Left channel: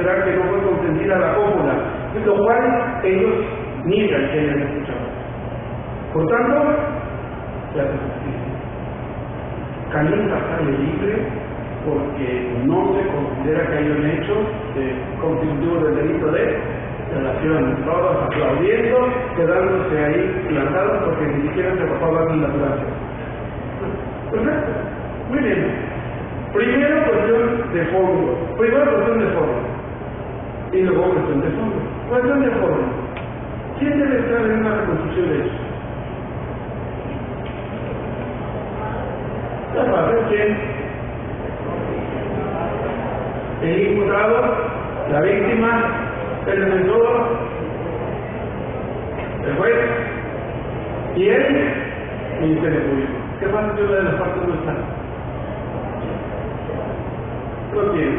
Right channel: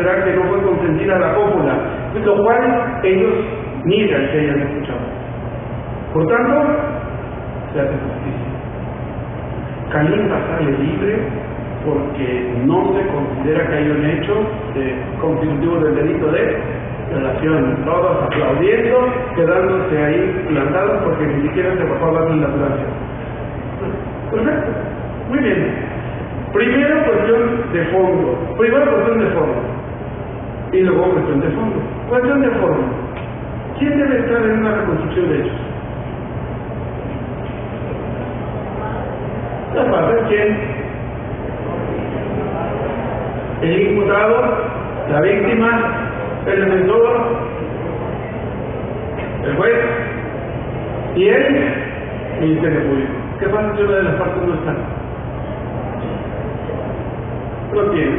considerar que no fue consentida la cópula, lo cual ellos niegan que hayan escuchado. Por tanto, se hace justicia. Caín sale libre porque no se considera que haya un hecho constitutivo del delito de relación. Todos aplaudiendo, quedándose ahí plantados porque ni siquiera se bajó a darle la gracia. Perfecto, muy bien. Primero cuestión de fondo, y luego cuestión de fondo. Cuestión de fondo. ¿Quién debe estar en una reconstrucción de hechos? La parte, ¿quién? El imputado, la víctima, el defensor, el juez y el Ministerio Público. ¿Qué pasa si una de las partes no está? No tiene,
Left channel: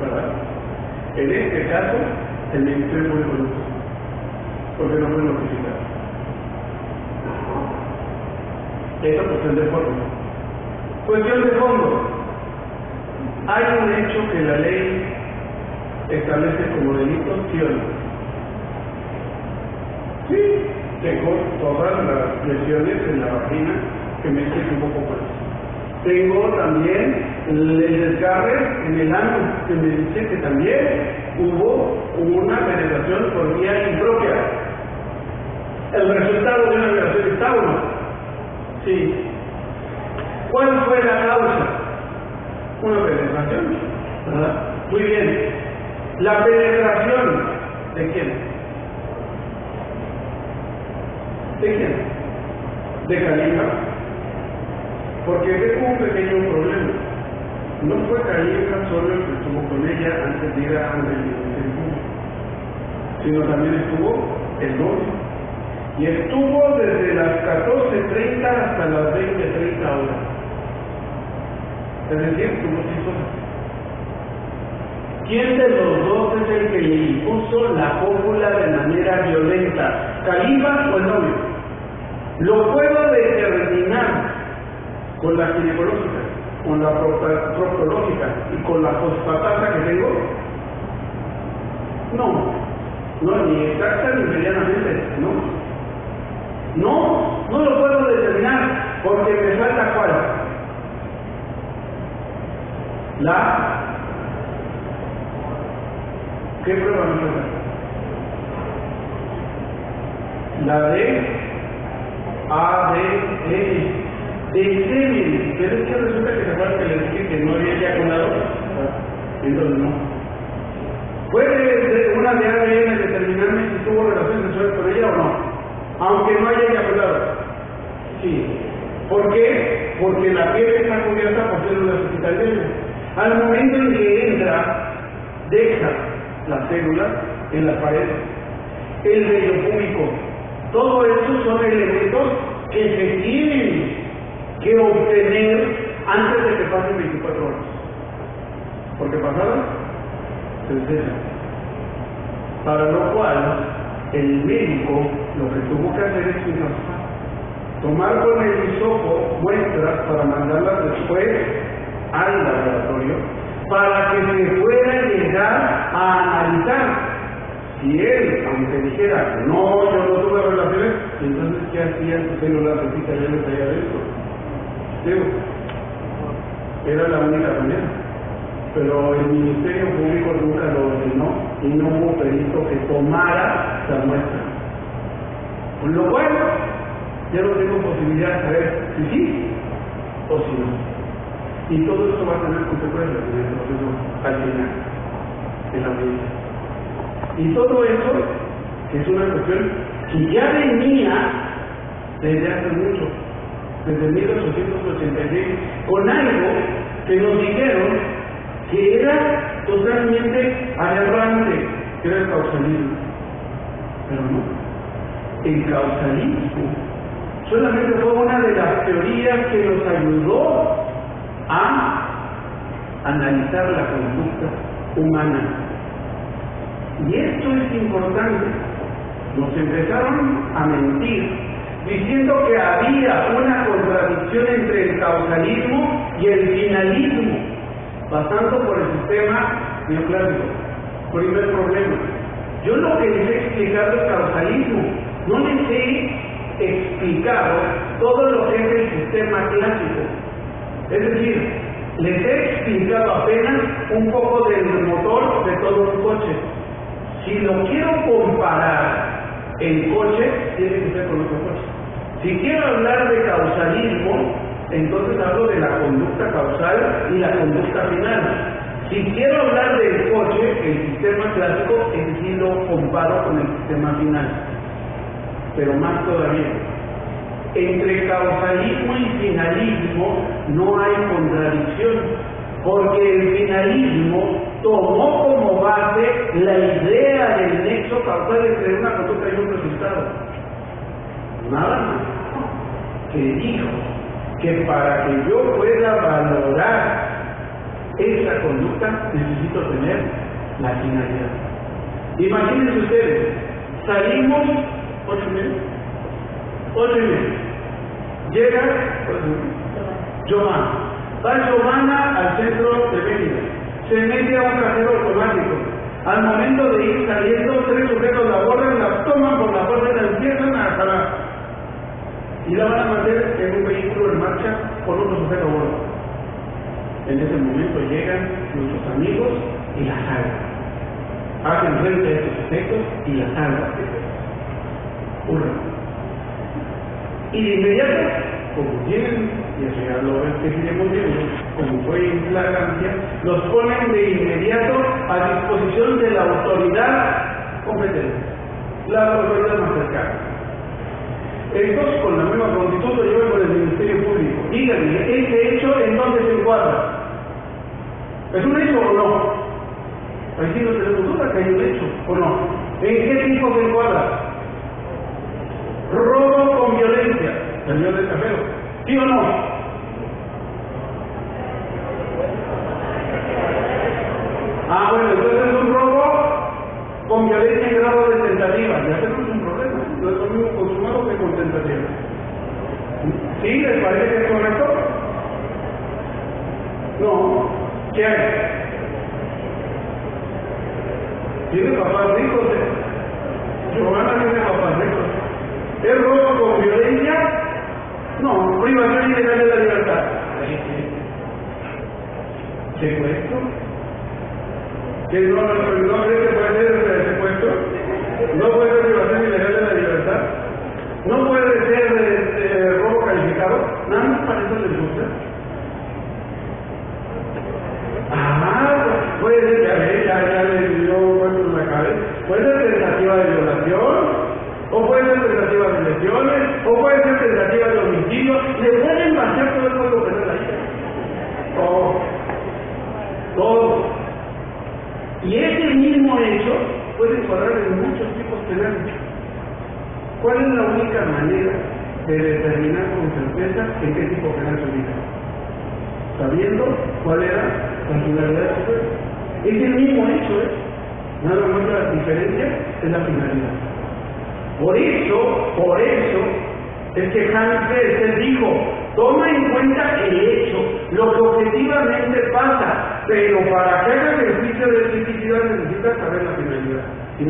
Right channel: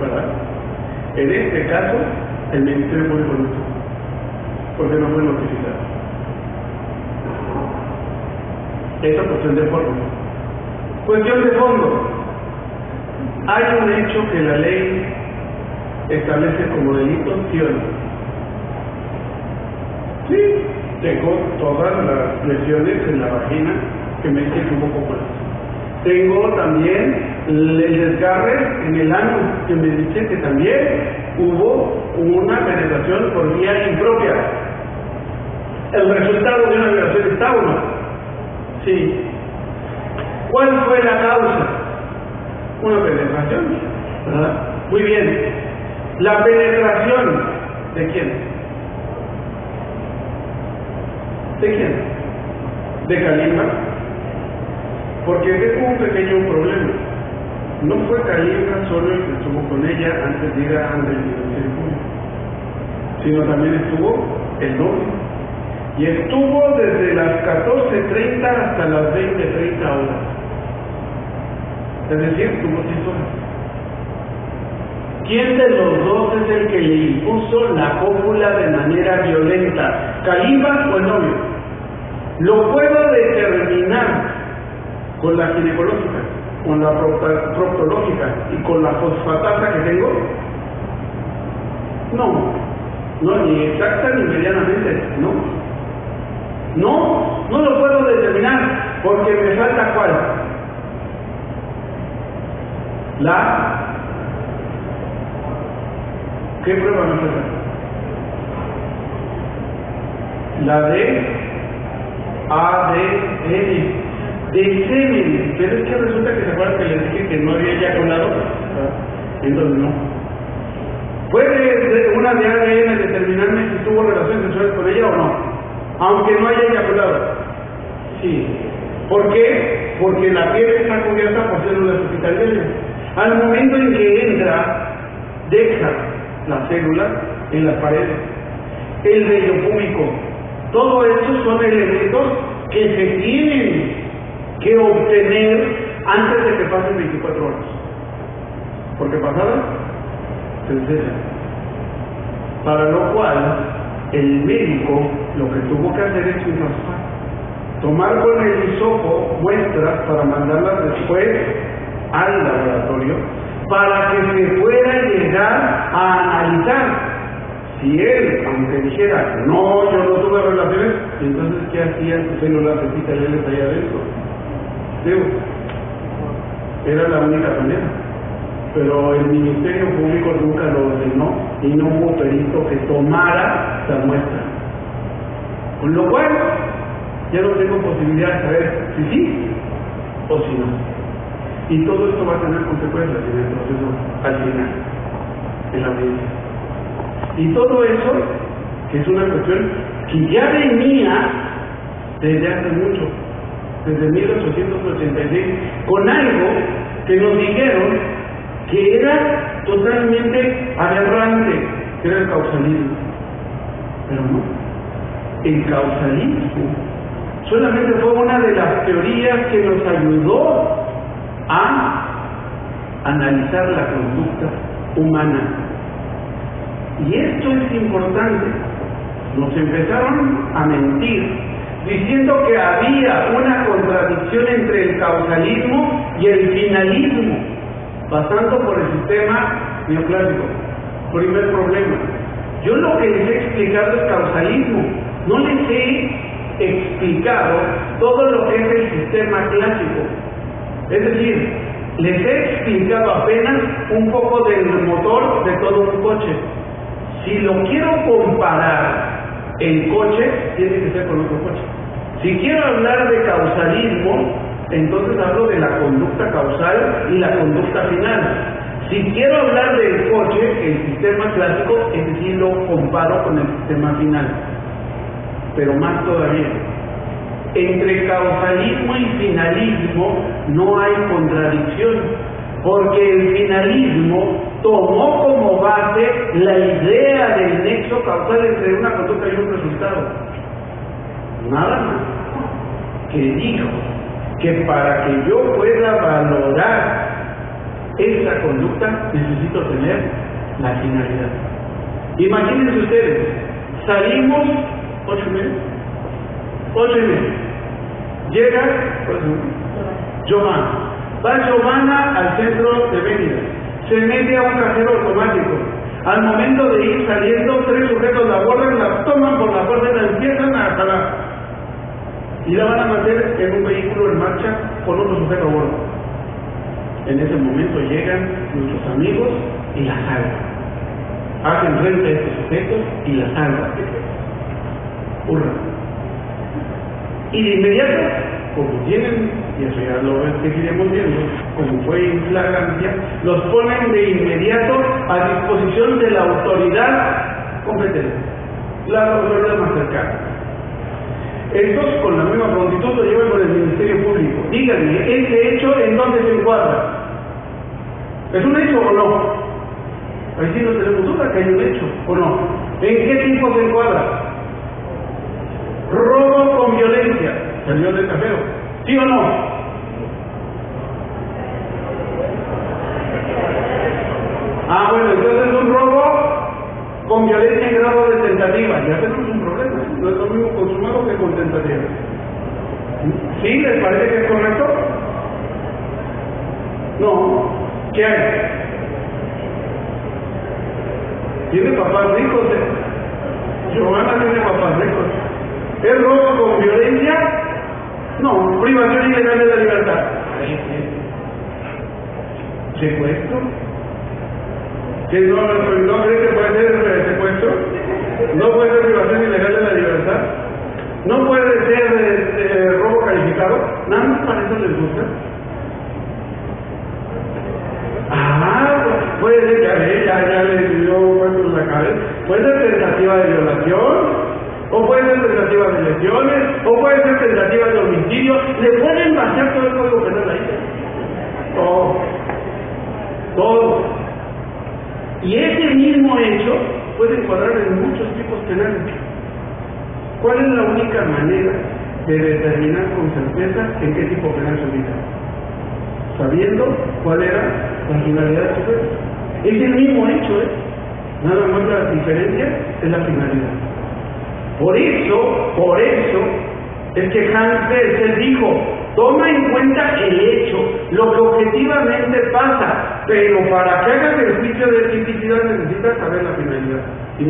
¿verdad? En este caso, el Ministerio Público no está, porque no fue notificado. Esa es cuestión de forma. Cuestión de fondo. Hay un hecho que la ley establece como delito, ¿sí o no? Sí, tengo todas las lesiones en la vagina que me dice que hubo cópulas. Tengo también el desgarre en el ano que me dice que también hubo una penetración por vía impropia. ¿El resultado de una violación está o no? Sí. ¿Cuál fue la causa? Una penetración, ¿verdad? Muy bien. ¿La penetración de quién? ¿De quién? ¿De Calima? Porque hubo un pequeño problema. No fue Calima solo el que estuvo con ella antes de ir ante el Ministerio Público, sino también estuvo el novio. Y estuvo desde las 14:30 hasta las 20:30 horas. Es decir, estuvo 6 horas. ¿Quién de los dos es el que le impuso la cópula de manera violenta? ¿Calima o el novio? Lo puedo determinar con la ginecológica, con la proctológica y con la fosfatasa que tengo. No, ni exacta ni medianamente, no. No lo puedo determinar porque me falta ¿cuál? ¿Qué prueba me falta? La de ADN de semen, pero es que resulta que se acuerdan que les dije que no había eyaculado, entonces no. ¿Puede una de ADN determinarme si tuvo relaciones sexuales con ella o no? Aunque no haya eyaculado. Sí. ¿Por qué? Porque la piel está cubierta por células epiteliales. Al momento en que entra, deja las células en las paredes. El vello púbico. Todo eso son elementos que se tienen que obtener antes de que pasen 24 horas. Porque pasadas, se desecha. Para lo cual, el médico lo que tuvo que hacer es tomar con el hisopo muestras para mandarlas después al laboratorio para que se pueda llegar a analizar. Si él, aunque dijera no, yo no tuve relaciones, entonces ¿qué hacían sus células epiteliales allá adentro? Digo, era la única manera. Pero el Ministerio Público nunca lo ordenó y no hubo perito que tomara la muestra. Con lo cual, ya no tengo posibilidad de saber si sí o si no. Y todo esto va a tener consecuencias en el proceso al final, en la audiencia. Y todo eso, que es una cuestión que ya venía desde hace mucho, desde 1886, con algo que nos dijeron que era totalmente aberrante, que era el causalismo. Pero no, el causalismo solamente fue una de las teorías que nos ayudó a analizar la conducta humana. Y esto es importante. Nos empezaron a mentir diciendo que había una contradicción entre el causalismo y el finalismo, pasando por el sistema neoclásico. Primer problema. Yo lo que les he explicado es causalismo. No les he explicado todo lo que es el sistema clásico. Es decir, les he explicado apenas un poco del motor de todo un coche. Si lo quiero comparar el coche, tiene que ser con otro coche. Si quiero hablar de causalismo, entonces hablo de la conducta causal y la conducta final. Si quiero hablar del coche, el sistema clásico, es decir, lo comparo con el sistema final. Pero más todavía, entre causalismo y finalismo no hay contradicción, porque el finalismo tomó como base la idea del nexo causal entre una conducta y un resultado. Nada más. Que dijo que para que yo pueda valorar esa conducta necesito tener la finalidad. Imagínense ustedes, salimos 8:30. Llega Giovanna. Va Giovanna al centro de Mérida. Se mete a un cajero automático. Al momento de ir saliendo, 3 sujetos la abordan, la toman por la fuerza y la empiezan a jalar. Y la van a meter en un vehículo en marcha con otro sujeto a bordo. En ese momento llegan nuestros amigos y la salvan. Hacen frente a estos sujetos y la salvan. Hurra. Y de inmediato, como tienen, y eso ya lo seguiremos viendo, como fue en flagrancia, los ponen de inmediato a disposición de la autoridad competente, la autoridad más cercana. Estos, con la misma prontitud, lo llevan con el Ministerio Público. Díganme, ¿este hecho en dónde se encuadra? ¿Es un hecho o no? Ahí sí no tenemos duda que hay un hecho, ¿o no? ¿En qué tipo se encuadra? Robo con violencia. Salió del cajero. ¿Sí o no? Ah, bueno, entonces es un robo con violencia en grado de tentativa. Ya tenemos un problema. No es lo mismo consumado que con tentativa. ¿Sí? ¿Les parece que es correcto? No. ¿Qué hay? Tiene papás ricos. Giovanna tiene papás ricos. ¿Es robo con violencia? No, privación ilegal de la libertad. ¿Secuestro? ¿Que no cree que puede ser secuestro? ¿No puede ser privación ilegal de la libertad? ¿No puede ser robo calificado? Nada más para eso les gusta. Puede ser, ya le dio vuelto en la cabeza. Puede ser tentativa de violación, o puede ser tentativa de lesiones, o puede ser tentativa de homicidio. Le pueden vaciar todo el código penal ahí. Todo. Y ese mismo hecho puede encuadrar en muchos tipos penales. ¿Cuál es la única manera de determinar con certeza en qué tipo penal se ubica? Sabiendo cuál era la finalidad del sujeto. Es el mismo hecho, nada más la diferencia es la finalidad. Por eso es que Hans Kelsen dijo: toma en cuenta el hecho, lo que objetivamente pasa, pero para que hagas ejercicio de tipicidad necesitas saber la finalidad. Si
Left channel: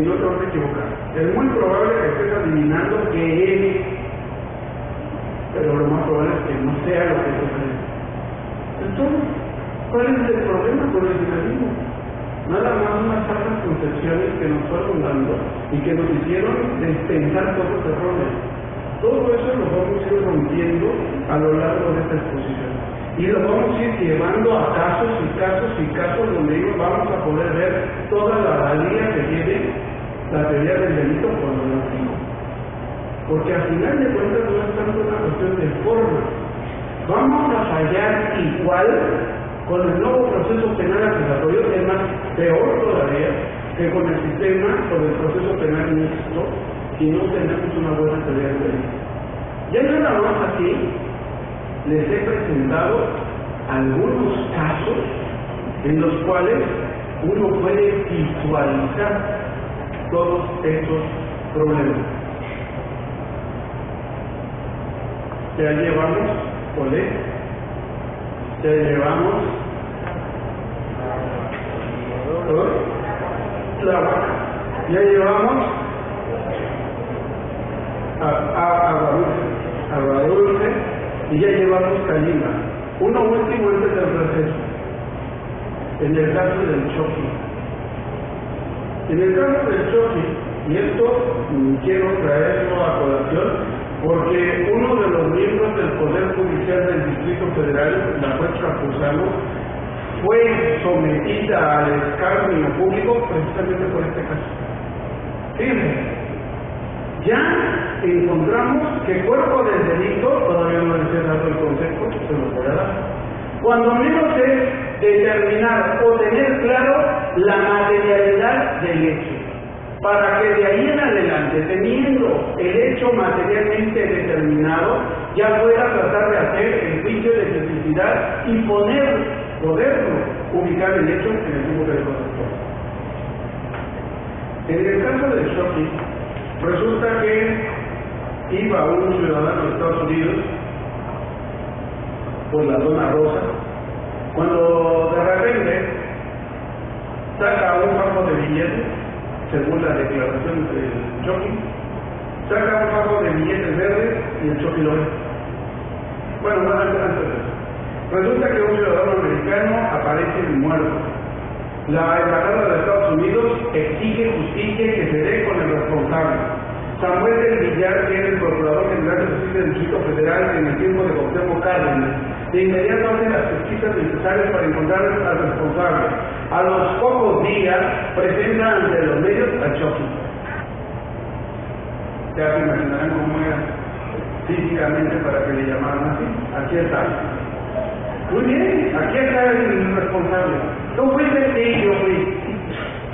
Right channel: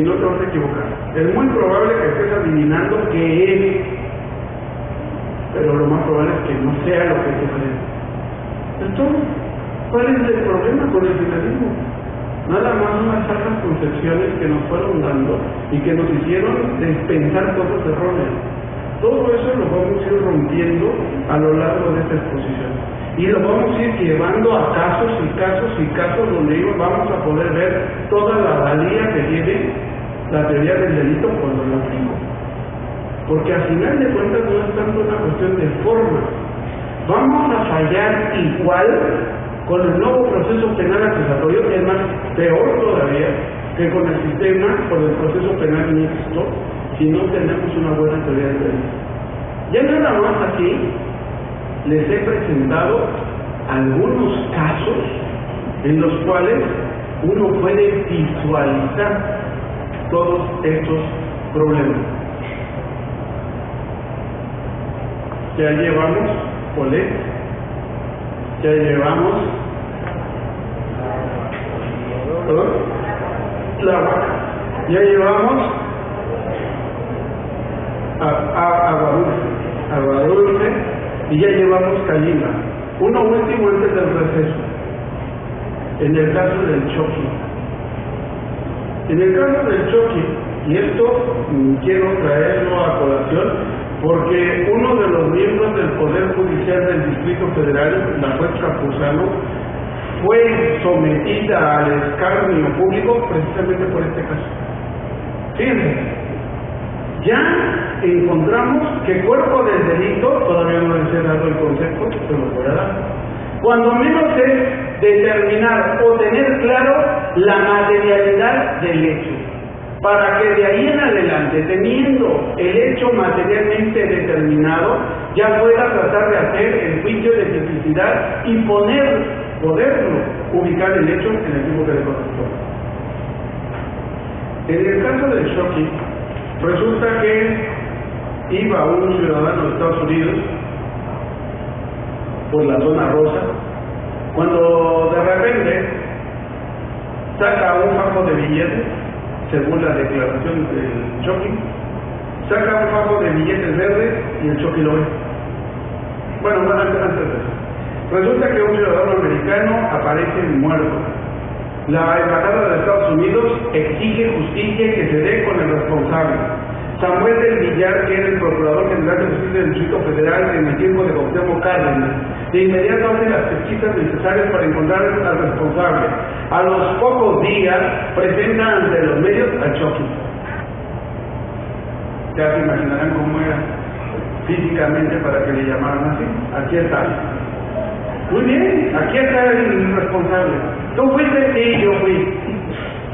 no, te vas a equivocar. Es muy probable que estés adivinando qué es, pero lo más probable es que no sea lo que tú crees. Entonces, ¿cuál es el problema con el finalismo? Nada más unas falsas concepciones que nos fueron dando y que nos hicieron pensar cosas erróneas. Todo eso lo vamos a ir rompiendo a lo largo de esta exposición. Y lo vamos a ir llevando a casos donde vamos a poder ver toda la valía que tiene la teoría del delito cuando lo hacemos. Porque al final de cuentas no es tanto una cuestión de forma. Vamos a fallar igual con el nuevo proceso penal acusatorio, es más, peor todavía que con el sistema, con el proceso penal mixto, si no tenemos una buena teoría del delito. Ya nada más aquí les he presentado algunos casos en los cuales uno puede visualizar todos estos problemas. Ya llevamos Olé, ya llevamos Tláhuac, ya llevamos Agua Dulce y ya llevamos Calima. Uno último antes del receso. En el caso del Choqui. En el caso del Choqui, y esto quiero traerlo a colación, porque uno de los miembros del Poder Judicial del Distrito Federal, la juez Campuzano, fue sometida al escarnio público precisamente por este caso. Fíjense, ya encontramos que cuerpo del delito, todavía no les he dado el concepto, se lo voy a dar. Cuando menos es determinar o tener claro la materialidad del hecho, para que de ahí en adelante, teniendo el hecho materialmente determinado, ya pueda tratar de hacer el juicio de tipicidad y poderlo ubicar el hecho en el tiempo que le corresponde. En el caso del Choqui, resulta que iba un ciudadano de Estados Unidos por la zona rosa, cuando de repente saca un fajo de billetes, según la declaración del Choqui, saca un fajo de billetes verdes y el Choqui lo ve. Bueno, antes de eso, resulta que un ciudadano americano aparece muerto. La embajada de Estados Unidos exige justicia que se dé con el responsable. Samuel del Villar, que era el Procurador General de Justicia del Distrito Federal en el tiempo de Cuauhtémoc Cárdenas, de inmediato hace las pesquisas necesarias para encontrar al responsable. A los pocos días presenta ante los medios al Choqui. Ya se imaginarán cómo era físicamente para que le llamaran así. Aquí está. Muy bien, aquí está el responsable. ¿Tú fuiste? Sí, yo fui.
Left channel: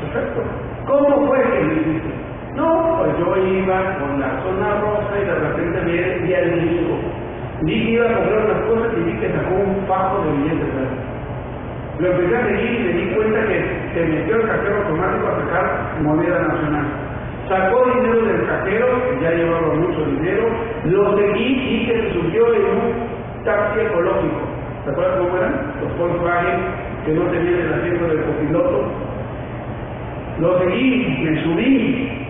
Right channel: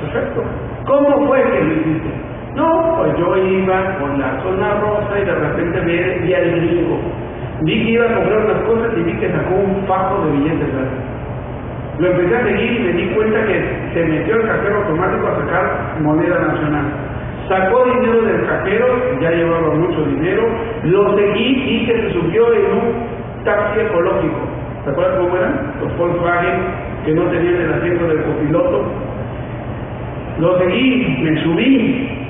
Perfecto. ¿Cómo fue que lo hiciste? No, pues yo iba por la zona rosa y de repente vi al gringo. Vi que iba a comprar unas cosas y vi que sacó un fajo de billetes verdes. Lo empecé a seguir y me di cuenta que se metió el cajero automático a sacar moneda nacional. Sacó dinero del cajero, ya llevaba mucho dinero, lo seguí y que se subió en un taxi ecológico. ¿Se acuerdan cómo eran? Los Volkswagen que no tenían el asiento del copiloto. Lo seguí, me subí.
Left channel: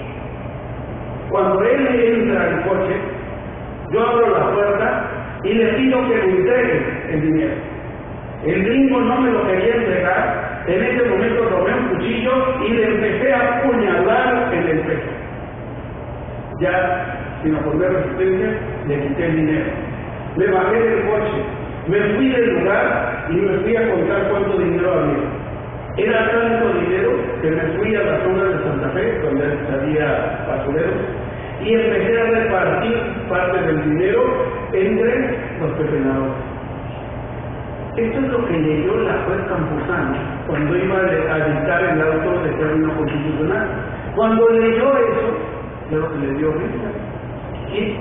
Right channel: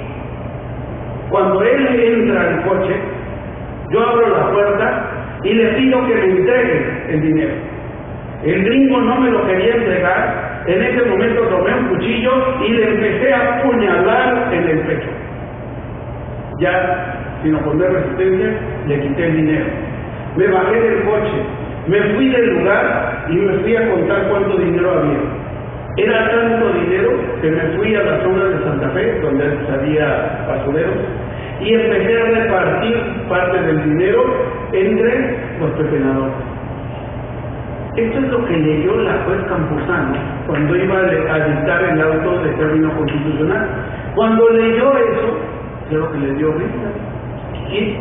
Cuando él entra al coche, yo abro la puerta y le pido que me entregue el dinero. El gringo no me lo quería entregar. En ese momento tomé un cuchillo y le empecé a apuñalar en el pecho. Ya, sin oponer resistencia, le quité el dinero. Me bajé del coche, me fui del lugar y me fui a contar cuánto dinero había. Era tanto dinero que me fui a la zona de Santa Fe, donde había basureros, y empecé a repartir parte del dinero entre los pepenadores. Esto es lo que leyó la juez Campuzano cuando iba a dictar el auto de término constitucional. Cuando leyó eso, creo que le dio risa.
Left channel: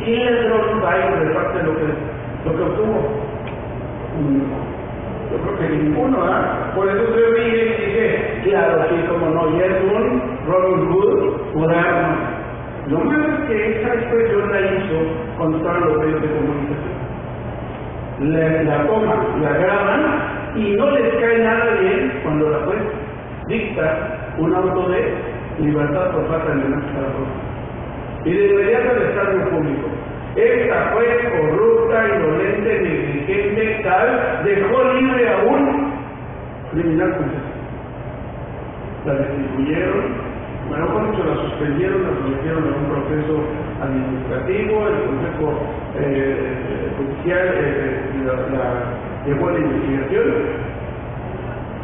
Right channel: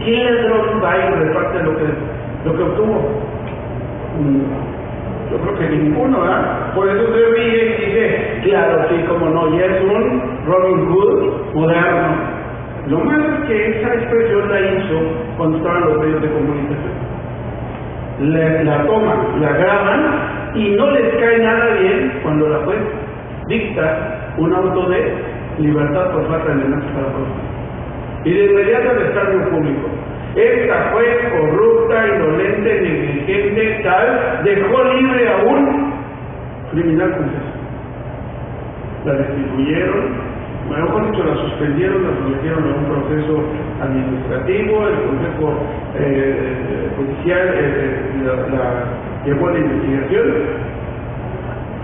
¿Quién ladrón va y reparte lo que obtuvo? Yo creo que ninguno, ¿verdad? Por eso se ríe y dice, claro, sí, como no, ya es un Robin Hood moderno. Lo malo es que esa expresión la hizo cuando estaban los medios de comunicación. La toman, la graban y no les cae nada bien cuando la juez dicta un auto de libertad por falta de elementos para juez. Y de inmediato el escarnio público. Esta juez corrupta, indolente, negligente, tal, dejó libre a un criminal confeso. La destituyeron, mejor dicho, la suspendieron, la sometieron a un proceso administrativo, el Consejo Judicial la llevó a la investigación.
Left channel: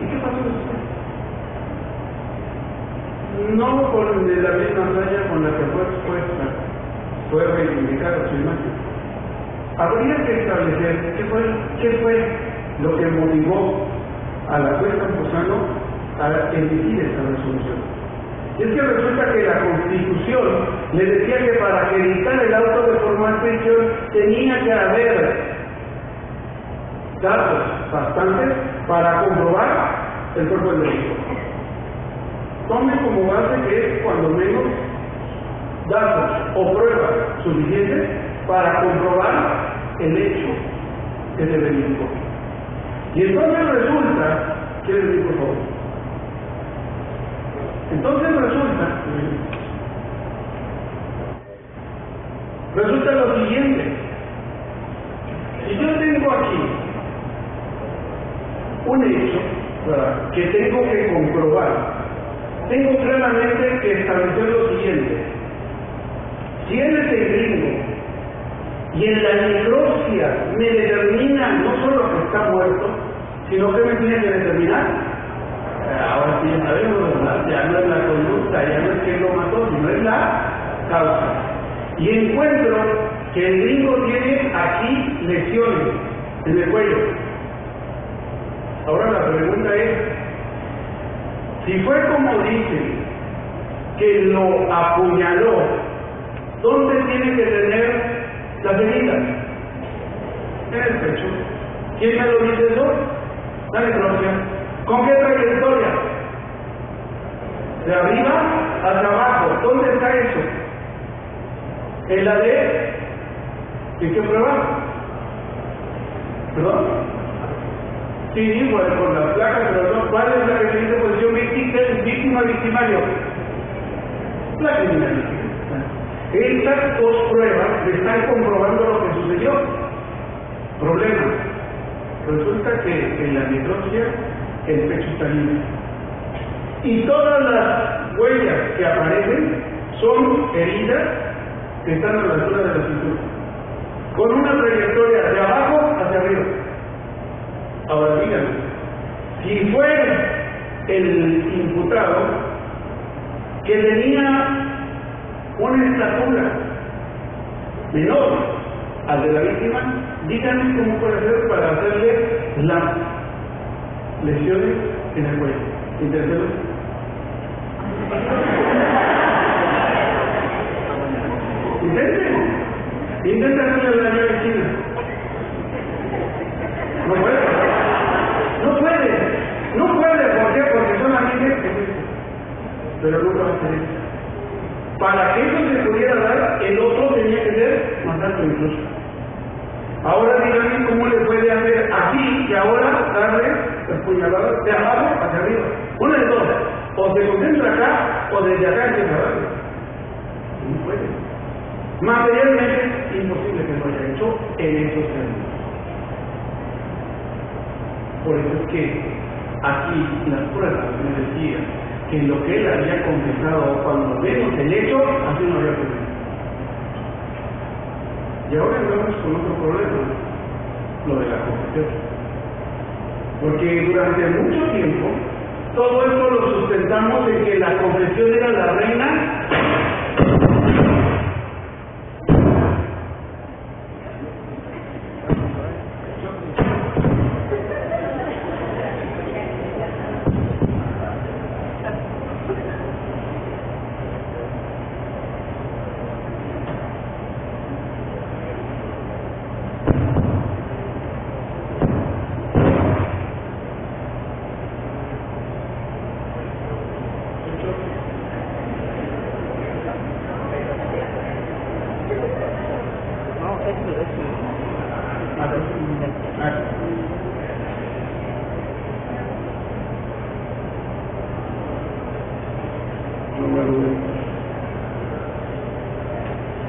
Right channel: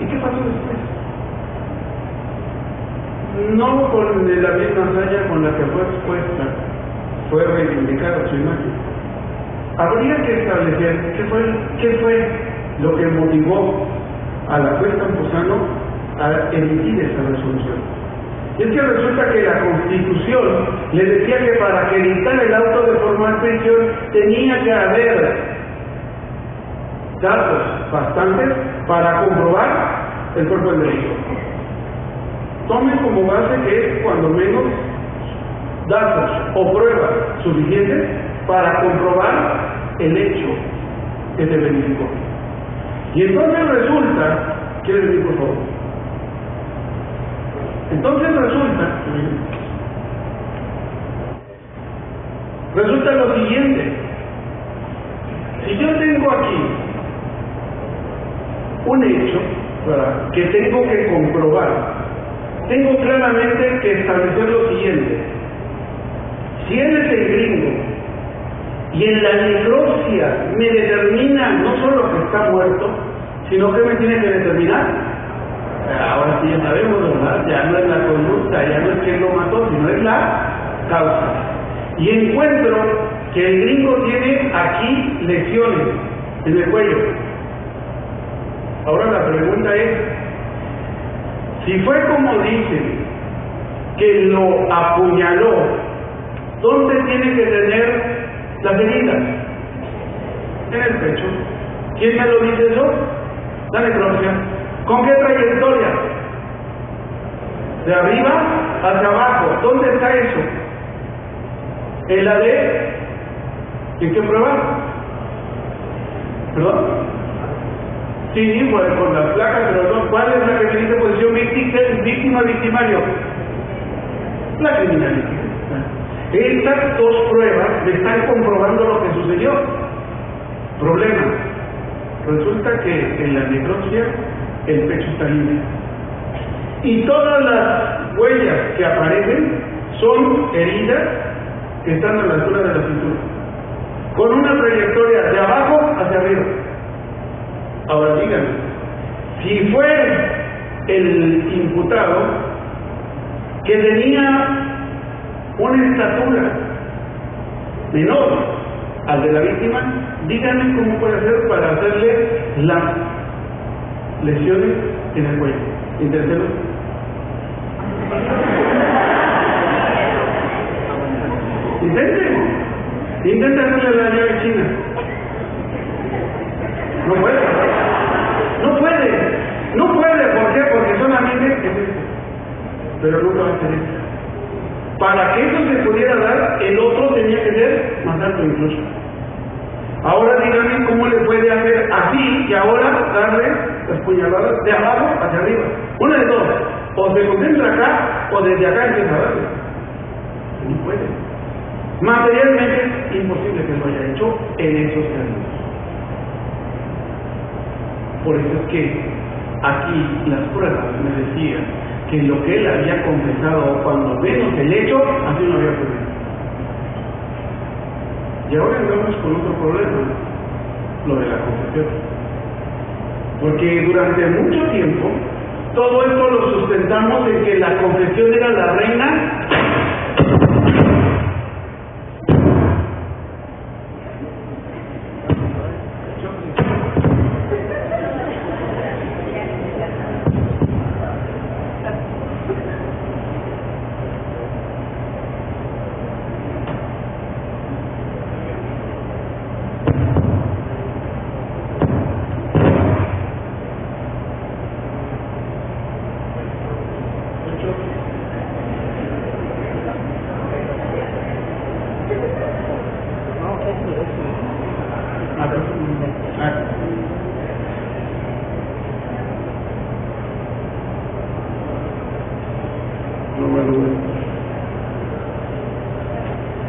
¿Y qué pasó después? No con la misma hazaña con la que fue expuesta, fue reivindicada su imagen. Habría que establecer qué fue lo que motivó a la juez Campuzano a emitir esta resolución. Y es que resulta que la Constitución le decía que para que dictara el auto de formal prisión tenía que haber datos bastantes para comprobar el cuerpo del delito. Tome como base que es cuando menos datos o pruebas suficientes para comprobar el hecho que se verificó. Y entonces resulta, ¿quiere decir por favor? Entonces resulta lo siguiente: si yo tengo aquí un hecho, ¿verdad?, que tengo que comprobar, tengo claramente que establecer lo siguiente: si él es el gringo y en la necropsia me determina no solo que está muerto, sino que me tiene que determinar, ahora sí ya sabemos, ¿verdad?, ya no es la conducta, ya no es que él lo mató, sino es la causa. Y encuentro que el gringo tiene aquí lesiones en el cuello. Ahora la pregunta es, si fue como dicen, que lo apuñaló, ¿dónde tiene que tener las heridas? En el pecho. ¿Quién me lo dice eso? La necropsia. ¿Con qué trayectoria? De arriba hacia abajo. ¿Dónde está eso? ¿En la de? ¿En qué prueba? ¿Perdón? Sí, bueno, con las placas, pero no. ¿Cuál es la que se dice posición víctima victimario? La criminalística. Estas dos pruebas me están comprobando lo que sucedió. Problema: resulta que en la necropsia el pecho está libre y todas las huellas que aparecen son heridas que están a la altura de la cintura, con una trayectoria de abajo hacia arriba. Ahora díganme, si fue el imputado que tenía una estatura menor al de la víctima, díganme cómo puede hacer para hacerle las lesiones en el cuello. ¿Inténtelo? Intenten hacerle la llave china. No puede. ¿Por qué? Porque solamente es esto. Pero nunca va a ser esto. Para que eso se pudiera dar, el otro tenía que ser más alto incluso. Ahora díganme cómo le puede hacer así y ahora darle las puñaladas de abajo hacia arriba. Una de dos: o se concentra acá o desde acá empieza a darle. No puede. Materialmente es imposible que lo haya hecho en esos términos. Por eso es que aquí las pruebas me decían que lo que él había confesado, cuando menos el hecho, así no había ocurrido. Y ahora andamos con otro problema, lo de la confesión. Porque durante mucho tiempo, todo esto lo sustentamos en que la confesión era la reina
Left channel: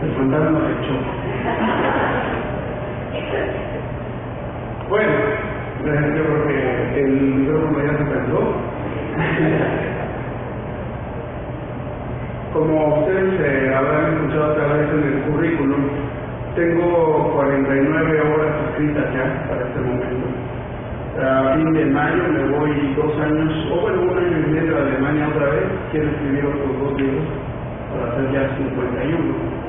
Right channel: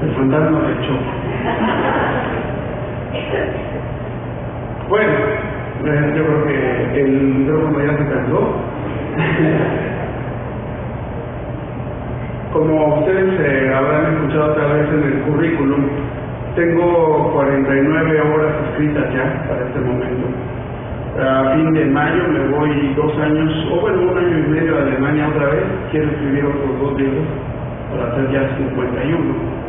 el fantasma del show. Bueno, yo creo que el micrófono ya se cargó. Como ustedes habrán escuchado otra vez en el currículum, tengo 49 horas escritas ya para este momento. A fin de mayo me voy 2 años, o bueno, 1 año y medio a Alemania otra vez. Quiero escribir otros 2 libros para hacer ya 51.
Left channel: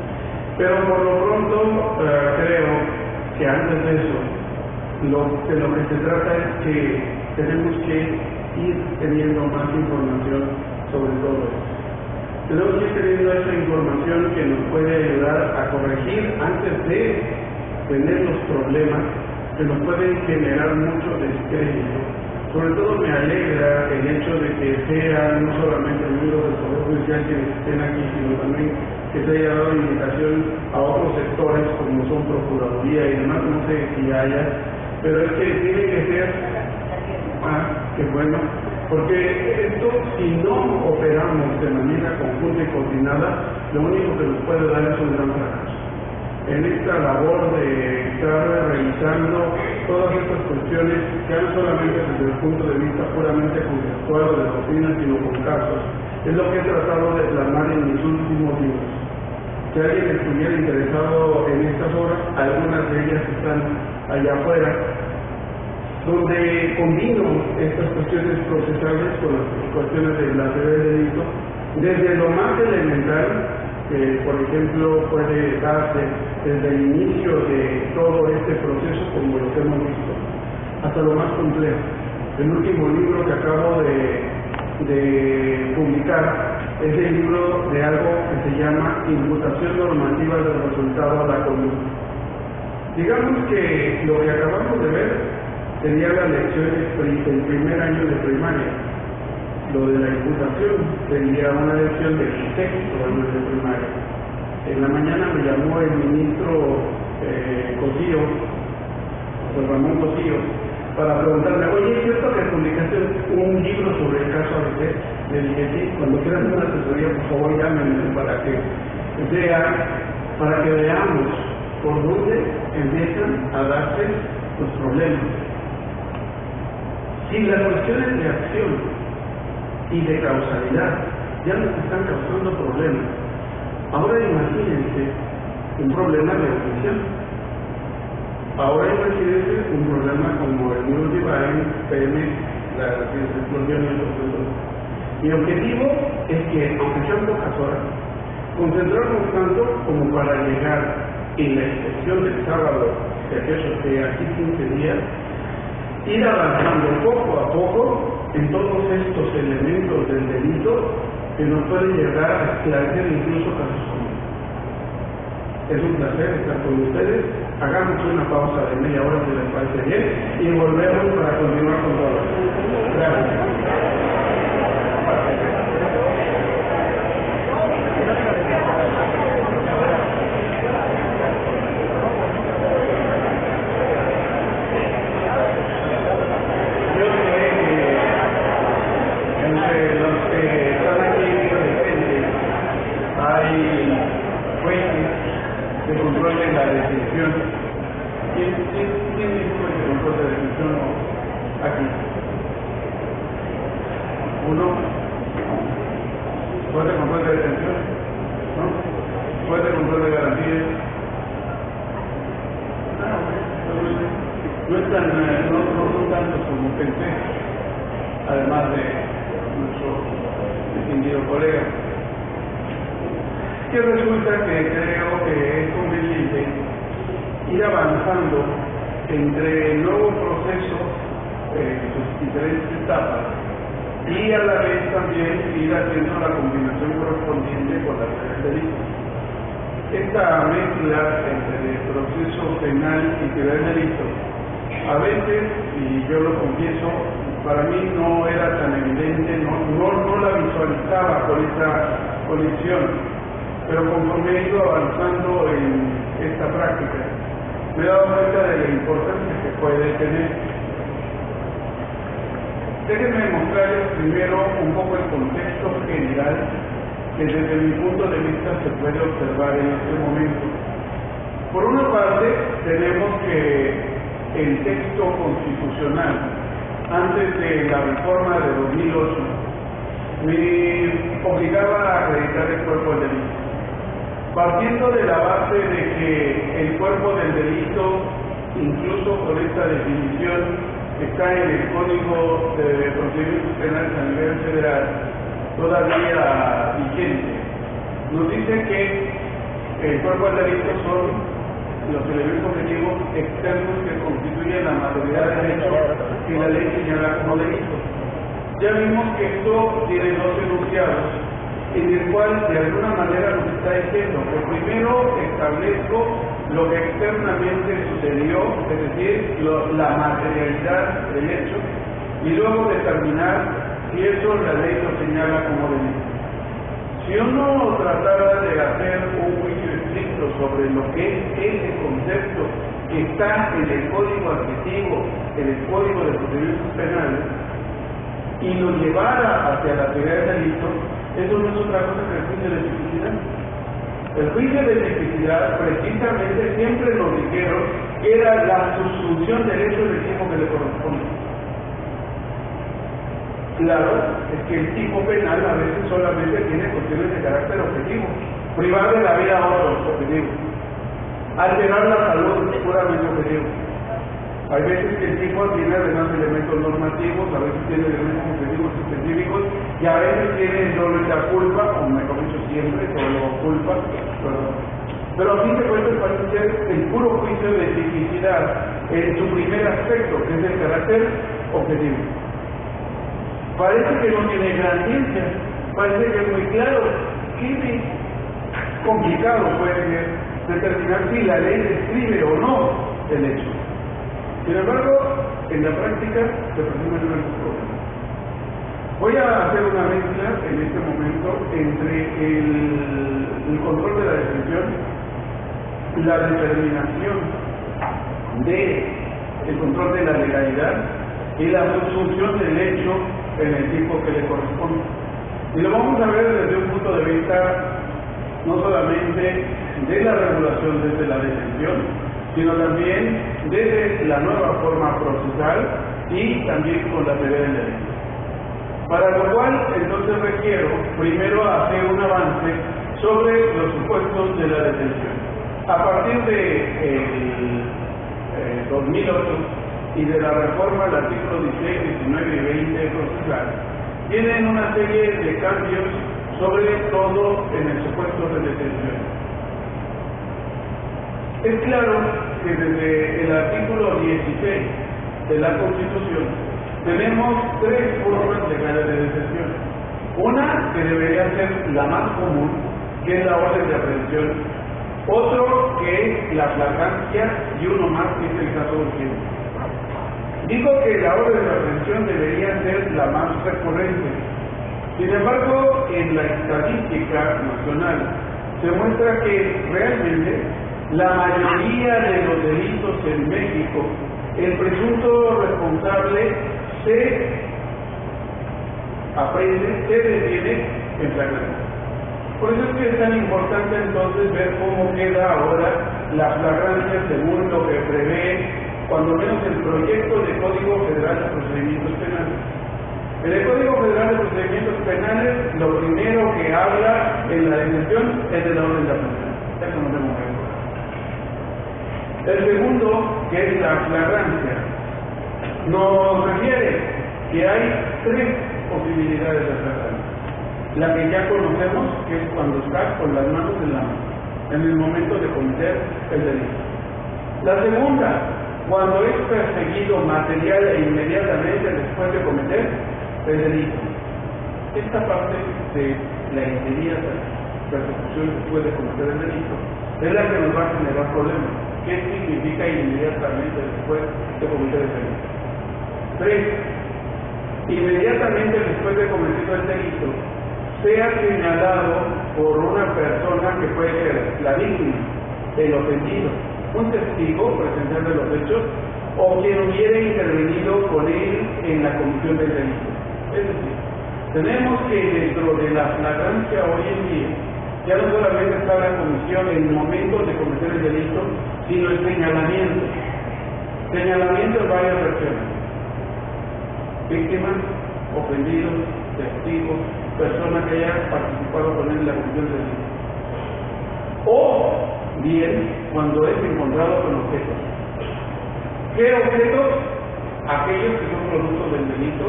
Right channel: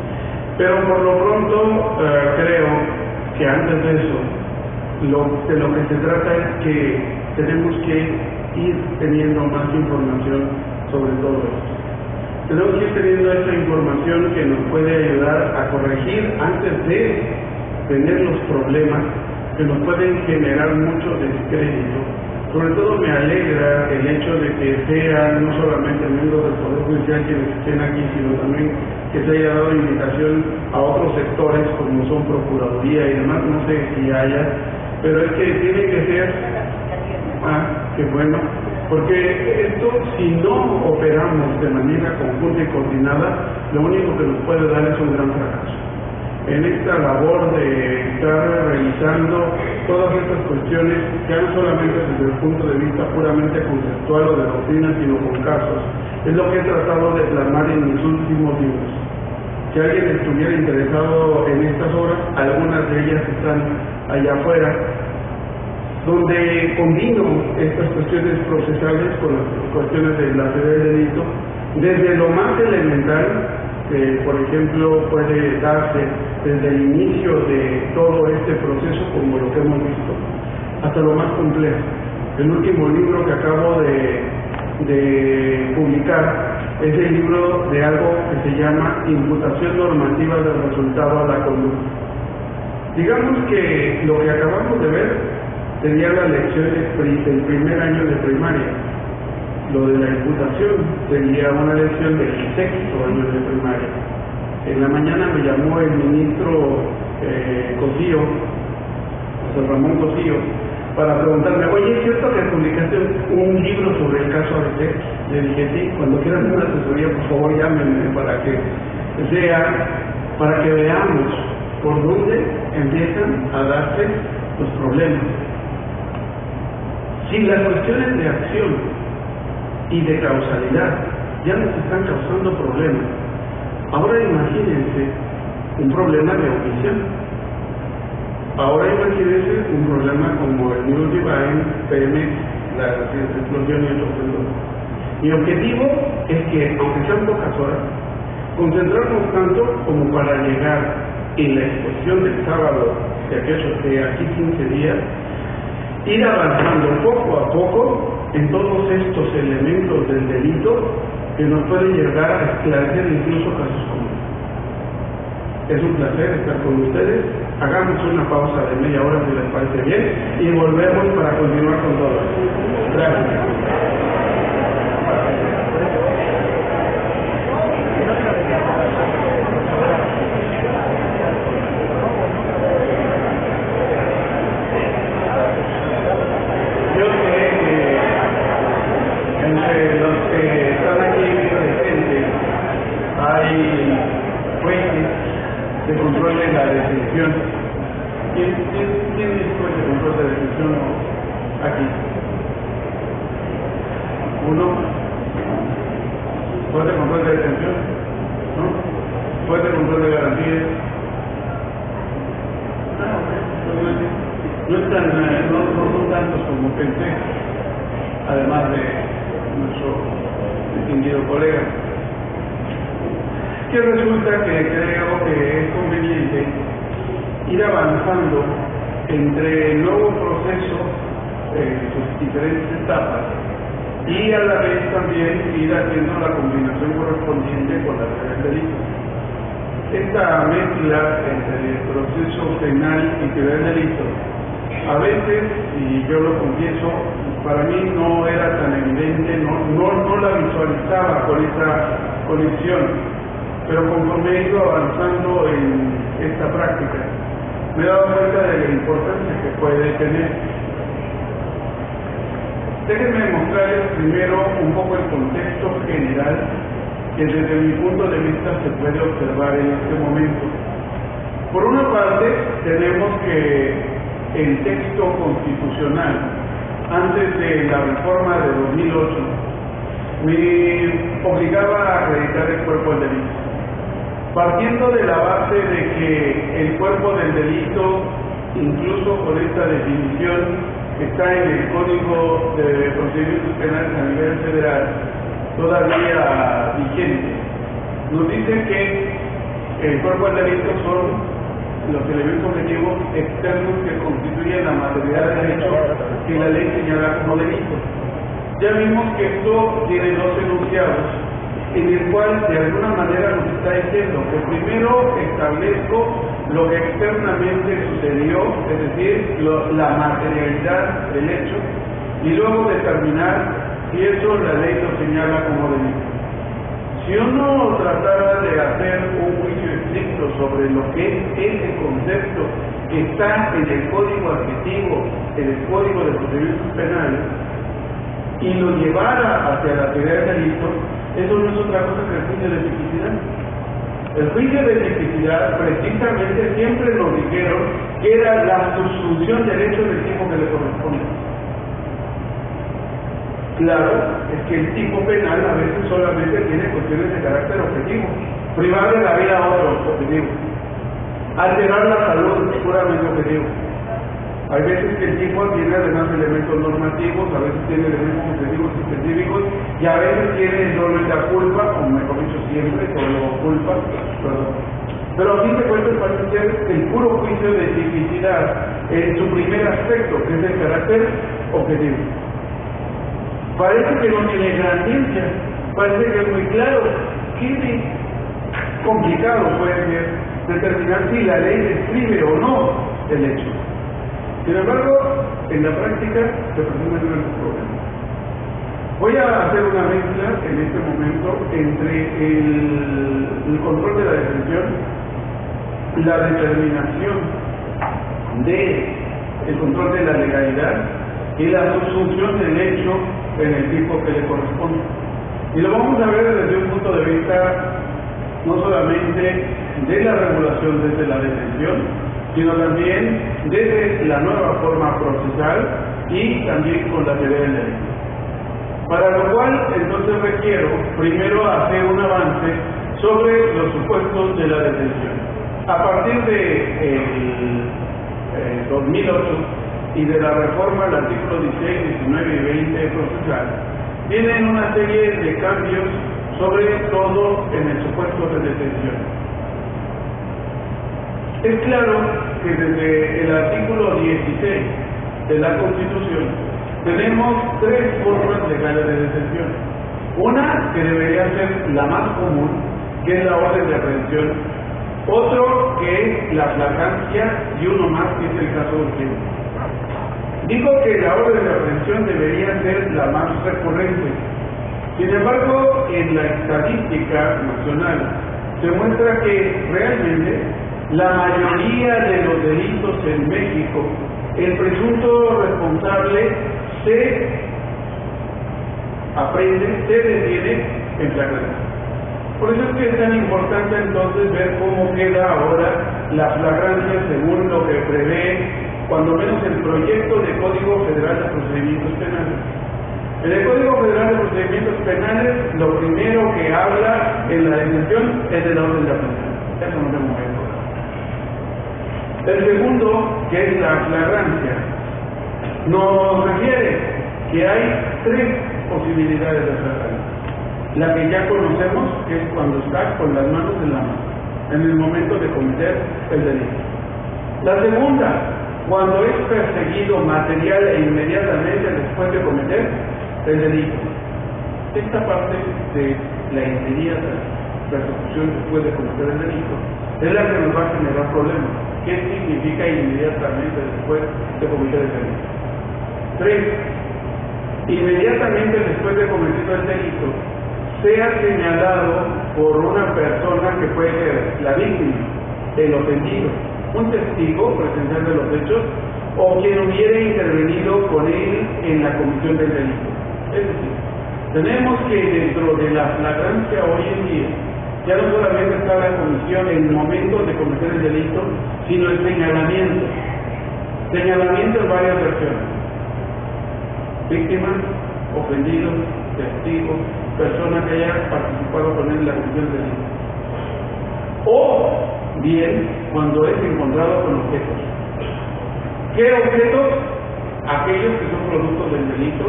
Pero por lo pronto creo que antes de eso, de lo que se trata es que tenemos que ir teniendo más información sobre todo esto. Tenemos que ir teniendo esa información que nos puede ayudar a corregir antes de tener los problemas que nos pueden generar mucho descrédito. Sobre todo me alegra el hecho de que sean no solamente miembros del Poder Judicial quienes estén aquí, sino también que se haya dado invitación a otros sectores como son Procuraduría y demás, no sé si haya, pero es que tiene que ser, qué bueno, porque esto, si no operamos de manera conjunta y coordinada, lo único que nos puede dar es un gran fracaso. en esta labor de estar revisando todas estas cuestiones, ya no solamente desde el punto de vista puramente conceptual o de doctrina, sino con casos. Es lo que he tratado de plasmar en mis últimos libros. Si alguien estuviera interesado en estas obras, algunas de ellas están allá afuera, donde combino estas cuestiones procesales con las cuestiones de la teoría del delito, desde lo más elemental, que por ejemplo puede darse desde el inicio de todo este proceso, como lo que hemos visto, hasta lo más complejo. El último libro que acabo de publicar es el libro de algo que se llama Imputación Normativa del Resultado a la Conducta. Digamos que lo que acabamos de ver sería la lección del primer año de primaria. Lo de la imputación sería una lección del sexto año de primaria. En la mañana me llamó el ministro Cosío, José Ramón Cosío, para preguntarme, oye, ¿es cierto que publicaste un libro sobre el caso ABC? Le dije, sí, cuando quieran una asesoría, por favor llámenme para que veamos por dónde empiezan a darse los problemas. Si las cuestiones de acción y de causalidad ya nos están causando problemas, ahora imagínense un problema de omisión. Ahora imagínense un problema como el Multi Divine, Pemex, la explosión y el otro. Mi objetivo es que, aunque sean pocas horas, concentrarnos tanto como para llegar en la exposición del sábado, de aquellos de aquí 15 días, ir avanzando poco a poco en todos estos elementos del delito que nos pueden llegar a esclarecer incluso casos comunes. Es un placer estar con ustedes. Hagamos una pausa de media hora si les parece bien y volvemos para continuar con todo. Gracias. Yo sé que entre los que están aquí presentes hay jueces de control de la detención. ¿Quién es juez de control de detención aquí? ¿Uno? ¿Juez de control de detención? ¿No? ¿Juez de control de garantías? No son tantos como pensé, además de nuestro distinguido colega. Que resulta que creo que es conveniente ir avanzando entre el nuevo proceso, sus diferentes etapas, y a la vez también ir haciendo la combinación correspondiente con la teoría del delito. Esta mezcla entre el proceso penal y teoría del delito, a veces, y yo lo confieso, para mí no era tan evidente, no la visualizaba con esa conexión, pero conforme he ido avanzando en esta práctica, me he dado cuenta de la importancia que puede tener. Déjenme mostrarles primero un poco el contexto general que desde mi punto de vista se puede observar en este momento. Por una parte, tenemos que el texto constitucional, antes de la reforma de 2008, me obligaba a acreditar el cuerpo del delito. Partiendo de la base de que el cuerpo del delito, incluso con esta definición, está en el Código de Procedimientos Penales a nivel federal, todavía vigente, nos dice que el cuerpo del delito son los elementos objetivos externos que constituyen la materialidad del derecho que la ley señala como delito. Ya vimos que esto tiene dos enunciados, en el cual de alguna manera nos está diciendo que primero establezco lo que externamente sucedió, es decir, la materialidad del hecho, y luego determinar si eso la ley lo señala como delito. Si uno tratara de hacer un juicio estricto sobre lo que es ese concepto que está en el código adjetivo, en el código de procedimientos penales, y lo llevara hacia la teoría del delito, eso no es otra cosa que el juicio de tipicidad. El juicio de tipicidad precisamente siempre nos dijeron que era la subsunción del hecho del tipo que le corresponde. Claro, es que el tipo penal a veces solamente tiene cuestiones de carácter objetivo, privar de la vida a otros objetivo, alterar la salud puramente objetivo. Hay veces que el tipo tiene además elementos normativos, a veces tiene elementos objetivos y específicos, y a veces tiene solo la culpa, o mejor dicho siempre, solo culpa, perdón. Pero a fin de cuentas parece ser el puro juicio de tipicidad en su primer aspecto, que es el carácter objetivo. Parece que no tiene gran ciencia, parece que es muy claro. ¿Qué complicado puede ser determinar si la ley describe o no el hecho? Sin embargo, en la práctica se presumen grandes problemas. Voy a hacer una mezcla en este momento entre el control de la detención, la determinación del control de la legalidad y la subsunción del hecho en el tipo que le corresponde. Y lo vamos a ver desde un punto de vista no solamente de la regulación desde la detención, sino también desde la nueva forma procesal y también con la teoría del derecho. Para lo cual, entonces requiero primero hacer un avance sobre los supuestos de la detención. A partir de 2008 y de la reforma al artículo 16, 19 y 20 procesal, vienen una serie de cambios, sobre todo en el supuesto de detención. Es claro que desde el artículo 16 de la Constitución tenemos tres formas legales de detención. Una que debería ser la más común, que es la orden de aprehensión. Otro que es la flagrancia y uno más que es el caso urgente. Digo que la orden de aprehensión debería ser la más recurrente. Sin embargo, en la estadística nacional se muestra que realmente la mayoría de los delitos en México, el presunto responsable se aprende, se detiene en flagrancia. Por eso es que es tan importante entonces ver cómo queda ahora la flagrancia según lo que prevé, cuando menos el proyecto de Código Federal de Procedimientos Penales. En el Código Federal de Procedimientos Penales, lo primero que habla en la detención es de la orden de aprehensión. Eso no tengo que ver. El segundo, que es la flagrancia, nos refiere que hay tres posibilidades de flagrancia. La que ya conocemos, que es cuando está con las manos en la mano, en el momento de cometer el delito. La segunda, cuando es perseguido material e inmediatamente después de cometer el delito. Esta parte de la inmediata persecución después de cometer el delito es la que nos va a generar problemas. ¿Qué significa inmediatamente después de cometer el delito? 3. Inmediatamente después de cometido el delito, sea señalado por una persona que puede ser la víctima, el ofendido, un testigo presencial de los hechos, o quien hubiera intervenido con él en la comisión del delito. Es decir, tenemos que dentro de la flagrancia hoy en día, ya no solamente está la comisión en el momento de cometer el delito, sino el señalamiento. Señalamiento en varias versiones. Víctimas, ofendidos, testigos, personas que hayan participado con él en la comisión del delito. O bien, cuando es encontrado con objetos. ¿Qué objetos? Aquellos que son productos del delito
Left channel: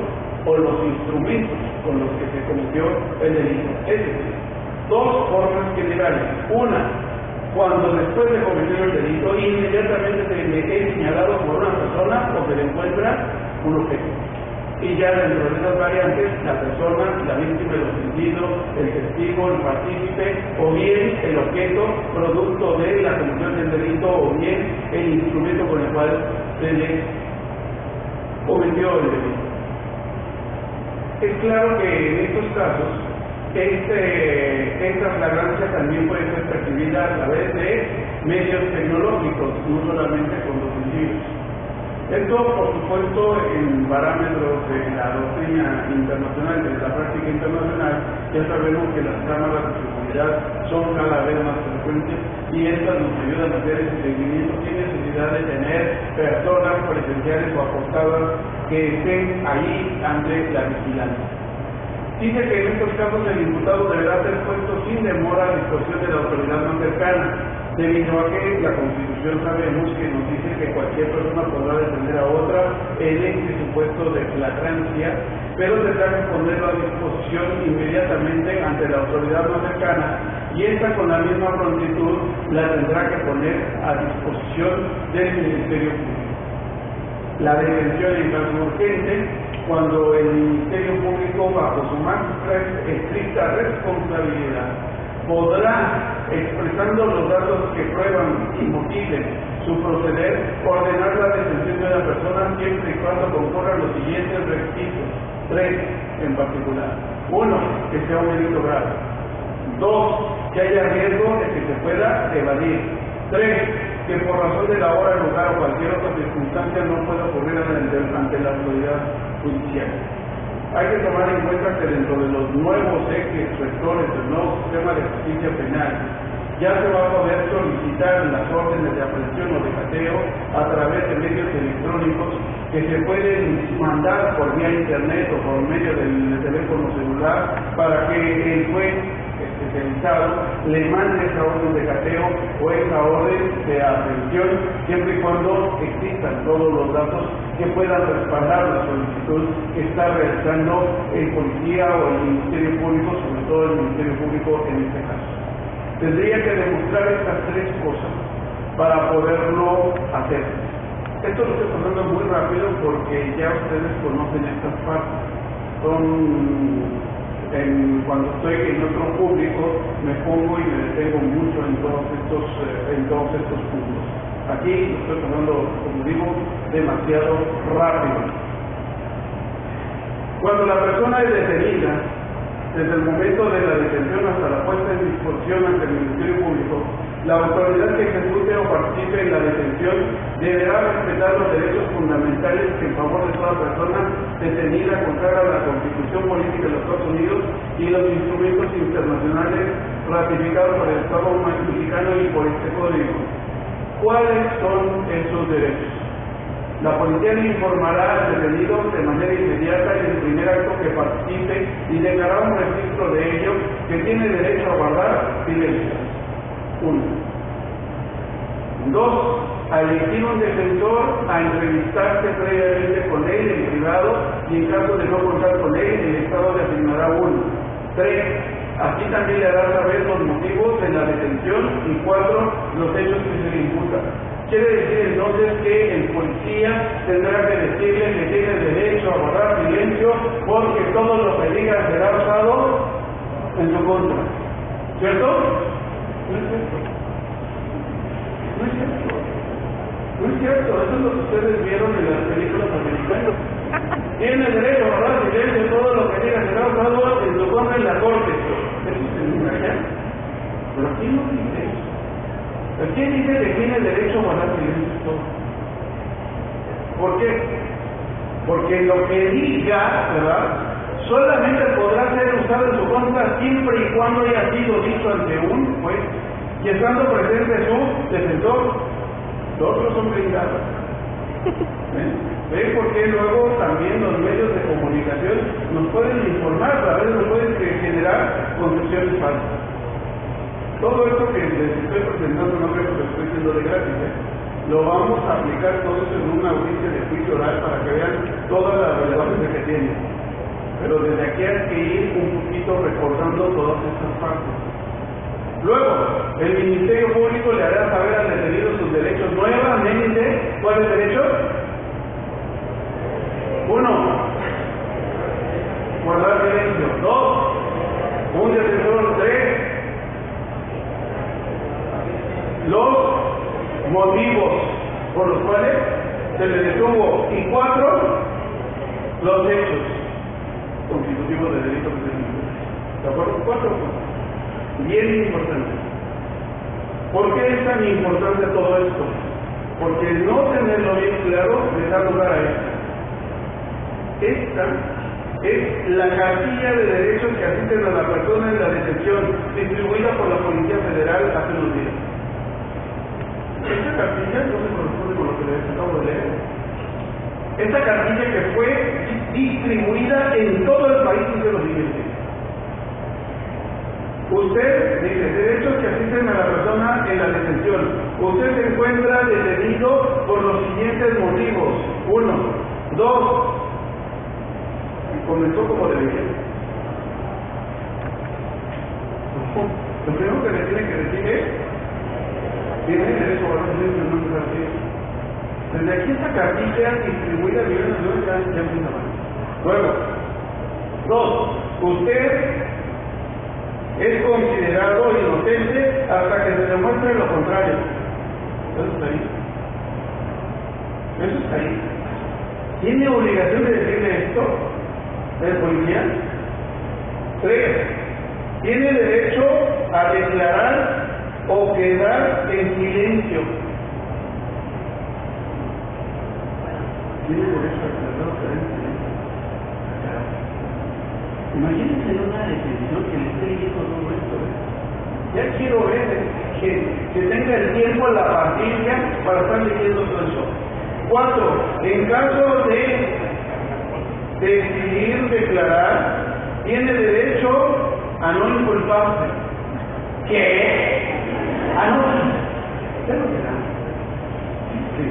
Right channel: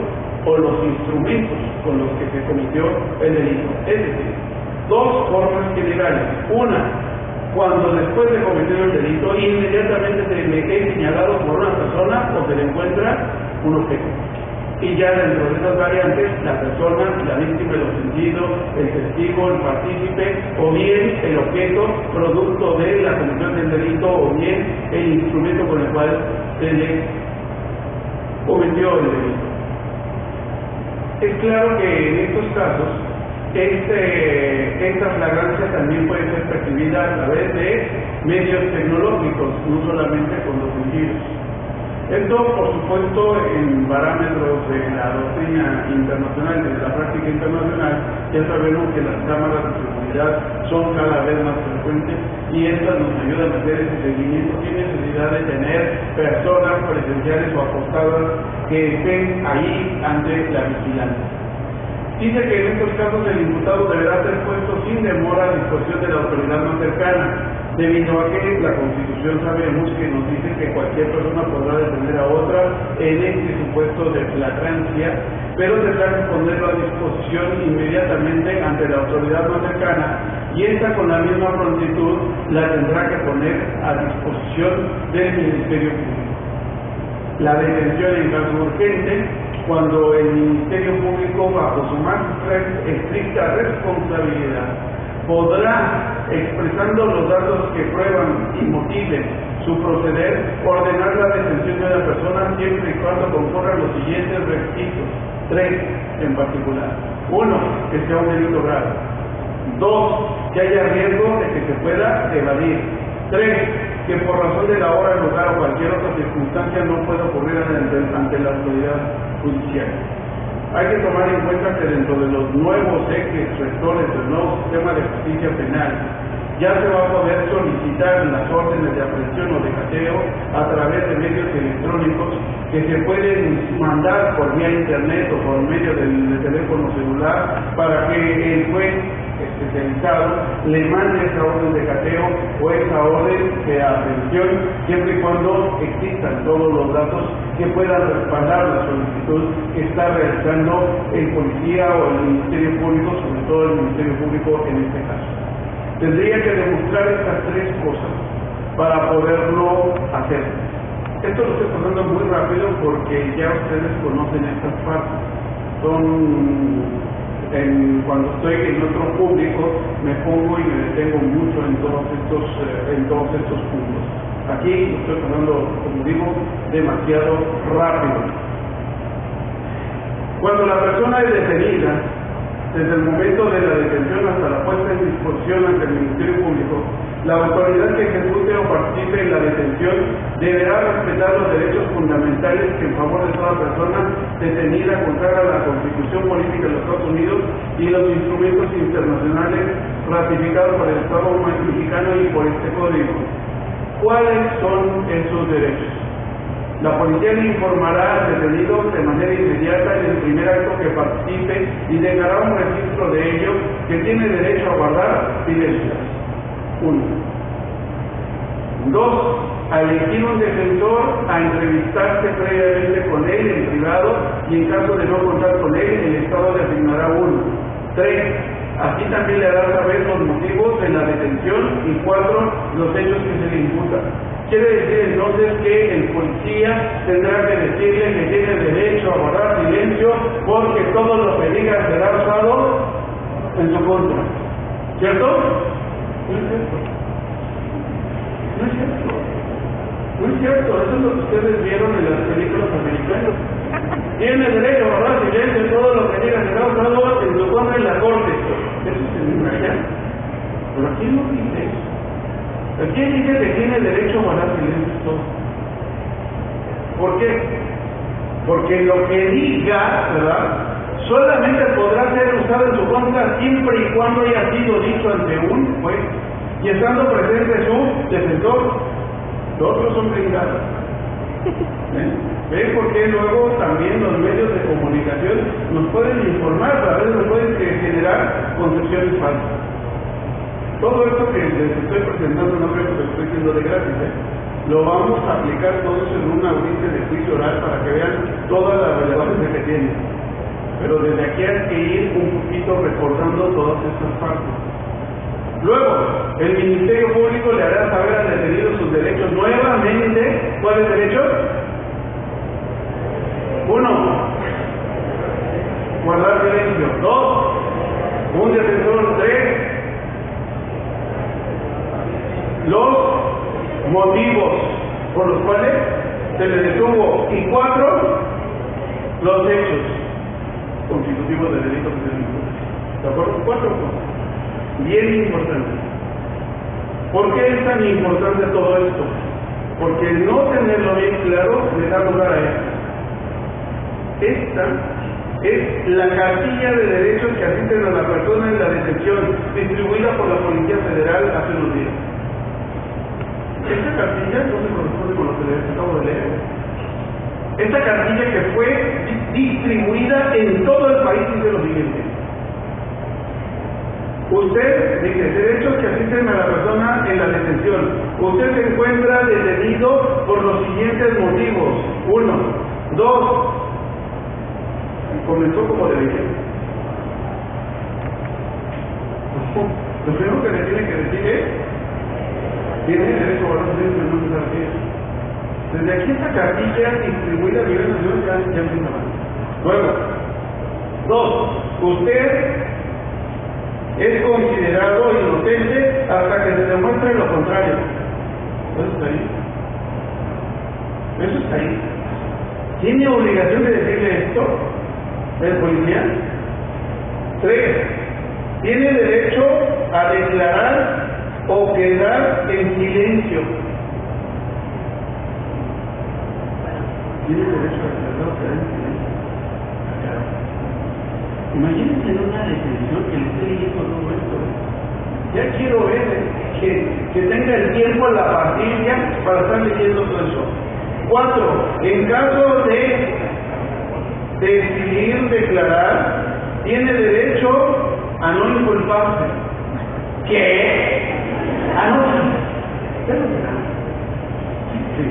o los instrumentos con los que se cometió el delito. Es decir, dos formas generales. Una, cuando después de cometer el delito inmediatamente se le es señalado por una persona o se le encuentra un objeto. Y ya dentro de esas variantes, la persona, la víctima, el ofendido, el testigo, el partícipe, o bien el objeto producto de la comisión del delito, o bien el instrumento con el cual se le cometió el delito. Es claro que en estos casos, esta flagrancia también puede ser percibida a través de medios tecnológicos, no solamente con los sentidos. Esto, por supuesto, en parámetros de la doctrina internacional, de la práctica internacional, ya sabemos que las cámaras de seguridad son cada vez más frecuentes y estas nos ayudan a hacer ese seguimiento sin necesidad de tener personas presenciales o apostadas que estén ahí ante la vigilancia. Dice que en estos casos el imputado deberá ser puesto sin demora a disposición de la autoridad más cercana, debido a que la Constitución sabemos que nos dice que cualquier persona podrá defender a otra en este supuesto de flagrancia, pero tendrá que ponerlo a disposición inmediatamente ante la autoridad más cercana, y esta con la misma prontitud la tendrá que poner a disposición del Ministerio Público. La detención en caso urgente, cuando el Ministerio Público, bajo su más estricta responsabilidad, podrá, expresando los datos que prueban y motiven su proceder, ordenar la detención de la persona siempre y cuando concurran los siguientes requisitos, 3 en particular. 1, que sea un delito grave. 2, que haya riesgo de que se pueda evadir. 3, que por razón de la hora, lugar o cualquier otra circunstancia no pueda ocurrir ante la autoridad judicial. Hay que tomar en cuenta que dentro de los nuevos ejes rectores del nuevo sistema de justicia penal, ya se va a poder solicitar las órdenes de aprehensión o de cateo a través de medios electrónicos que se pueden mandar por vía internet o por medio del teléfono celular para que el juez especializado le mande esa orden de cateo o esa orden de aprehensión, siempre y cuando existan todos los datos que puedan respaldar la solicitud que está realizando el policía o el Ministerio Público, sobre todo el Ministerio Público en este caso. Tendría que demostrar estas 3 cosas para poderlo hacer. Esto lo estoy pasando muy rápido porque ya ustedes conocen estas partes. Cuando estoy en otro público me pongo y me detengo mucho en todos estos puntos. Aquí lo estoy pasando, como digo, demasiado rápido. Cuando la persona es detenida, desde el momento de la detención hasta la puesta en disposición ante el Ministerio Público, la autoridad que ejecute o participe en la detención deberá respetar los derechos fundamentales que en favor de toda persona detenida consagra la Constitución Política de los Estados Unidos y los instrumentos internacionales ratificados por el Estado mexicano y por este Código. ¿Cuáles son esos derechos? La policía le informará al detenido de manera inmediata en el primer acto que participe y dejará un registro de ello que tiene derecho a guardar silencio. 1. 2. A elegir un defensor, a entrevistarse previamente con él en privado y en caso de no contar con él, el Estado le asignará uno. 3. Aquí también le hará saber los motivos de la detención y 4. Los hechos que se le imputan. Quiere decir entonces que el policía tendrá que decirle que tiene derecho a guardar silencio porque todo lo que diga será usado en su contra. ¿Cierto? No es cierto. No es cierto. No es cierto. Eso es lo que ustedes vieron en las películas americanas. Tiene derecho a guardar silencio, todo lo que diga será usado en su contra en la corte. Eso es en allá. Pero aquí no dice eso. Aquí dice que tiene derecho a guardar silencio todo. ¿Por qué? Porque lo que diga, ¿verdad?, solamente podrá ser usado en su contra siempre y cuando haya sido dicho ante un juez y estando presente su defensor. Los otros son blindados. ¿Ven por qué luego también los medios de comunicación nos pueden informar, a veces nos pueden generar concepciones falsas? Todo esto que les estoy presentando no creo que lo estoy haciendo de gratis, Lo vamos a aplicar todo eso en una audiencia de juicio oral para que vean toda la relevancia que tiene. Pero desde aquí hay que ir un poquito recordando todas estas partes. Luego, el Ministerio Público le hará saber al detenido sus derechos nuevamente. ¿Cuáles derechos? 1. Guardar silencio. 2. Un defensor. 3. Los motivos por los cuales se le detuvo. Y 4. Los hechos constitutivos del delito que se le imputa. ¿De acuerdo? 4 cosas. Bien importante. ¿Por qué es tan importante todo esto? porque el no tenerlo bien claro le da lugar a esto. Esta es la cartilla de derechos que asisten a la persona en la detención, distribuida por la Policía Federal hace unos días. Esta cartilla no se corresponde con lo que les acabo de leer. Esta cartilla que fue distribuida en todo el país dice lo siguiente. Usted dice, derechos que asisten a la persona en la detención. Usted se encuentra detenido por los siguientes motivos. 1, 2, comenzó como debería. Lo primero que le tiene que decir es, tiene derecho a los derechos, no se refiere. Desde aquí esta cartilla distribuida a nivel nacional ya empieza mal. Luego, 2, usted es considerado inocente hasta que se demuestre lo contrario. Eso está ahí. Eso está ahí. ¿Tiene obligación de decirle esto el policía? 3, tiene derecho a declarar o quedar en silencio. Tiene derecho a declarar o quedar en silencio. Imagínense en una detención que le esté leyendo todo esto. Ya quiero ver que tenga el tiempo, la paciencia para estar leyendo todo eso. 4, en caso de decidir declarar, tiene derecho a no inculparse. ¿Qué? ¿A no? ¿Qué lo será? Sí.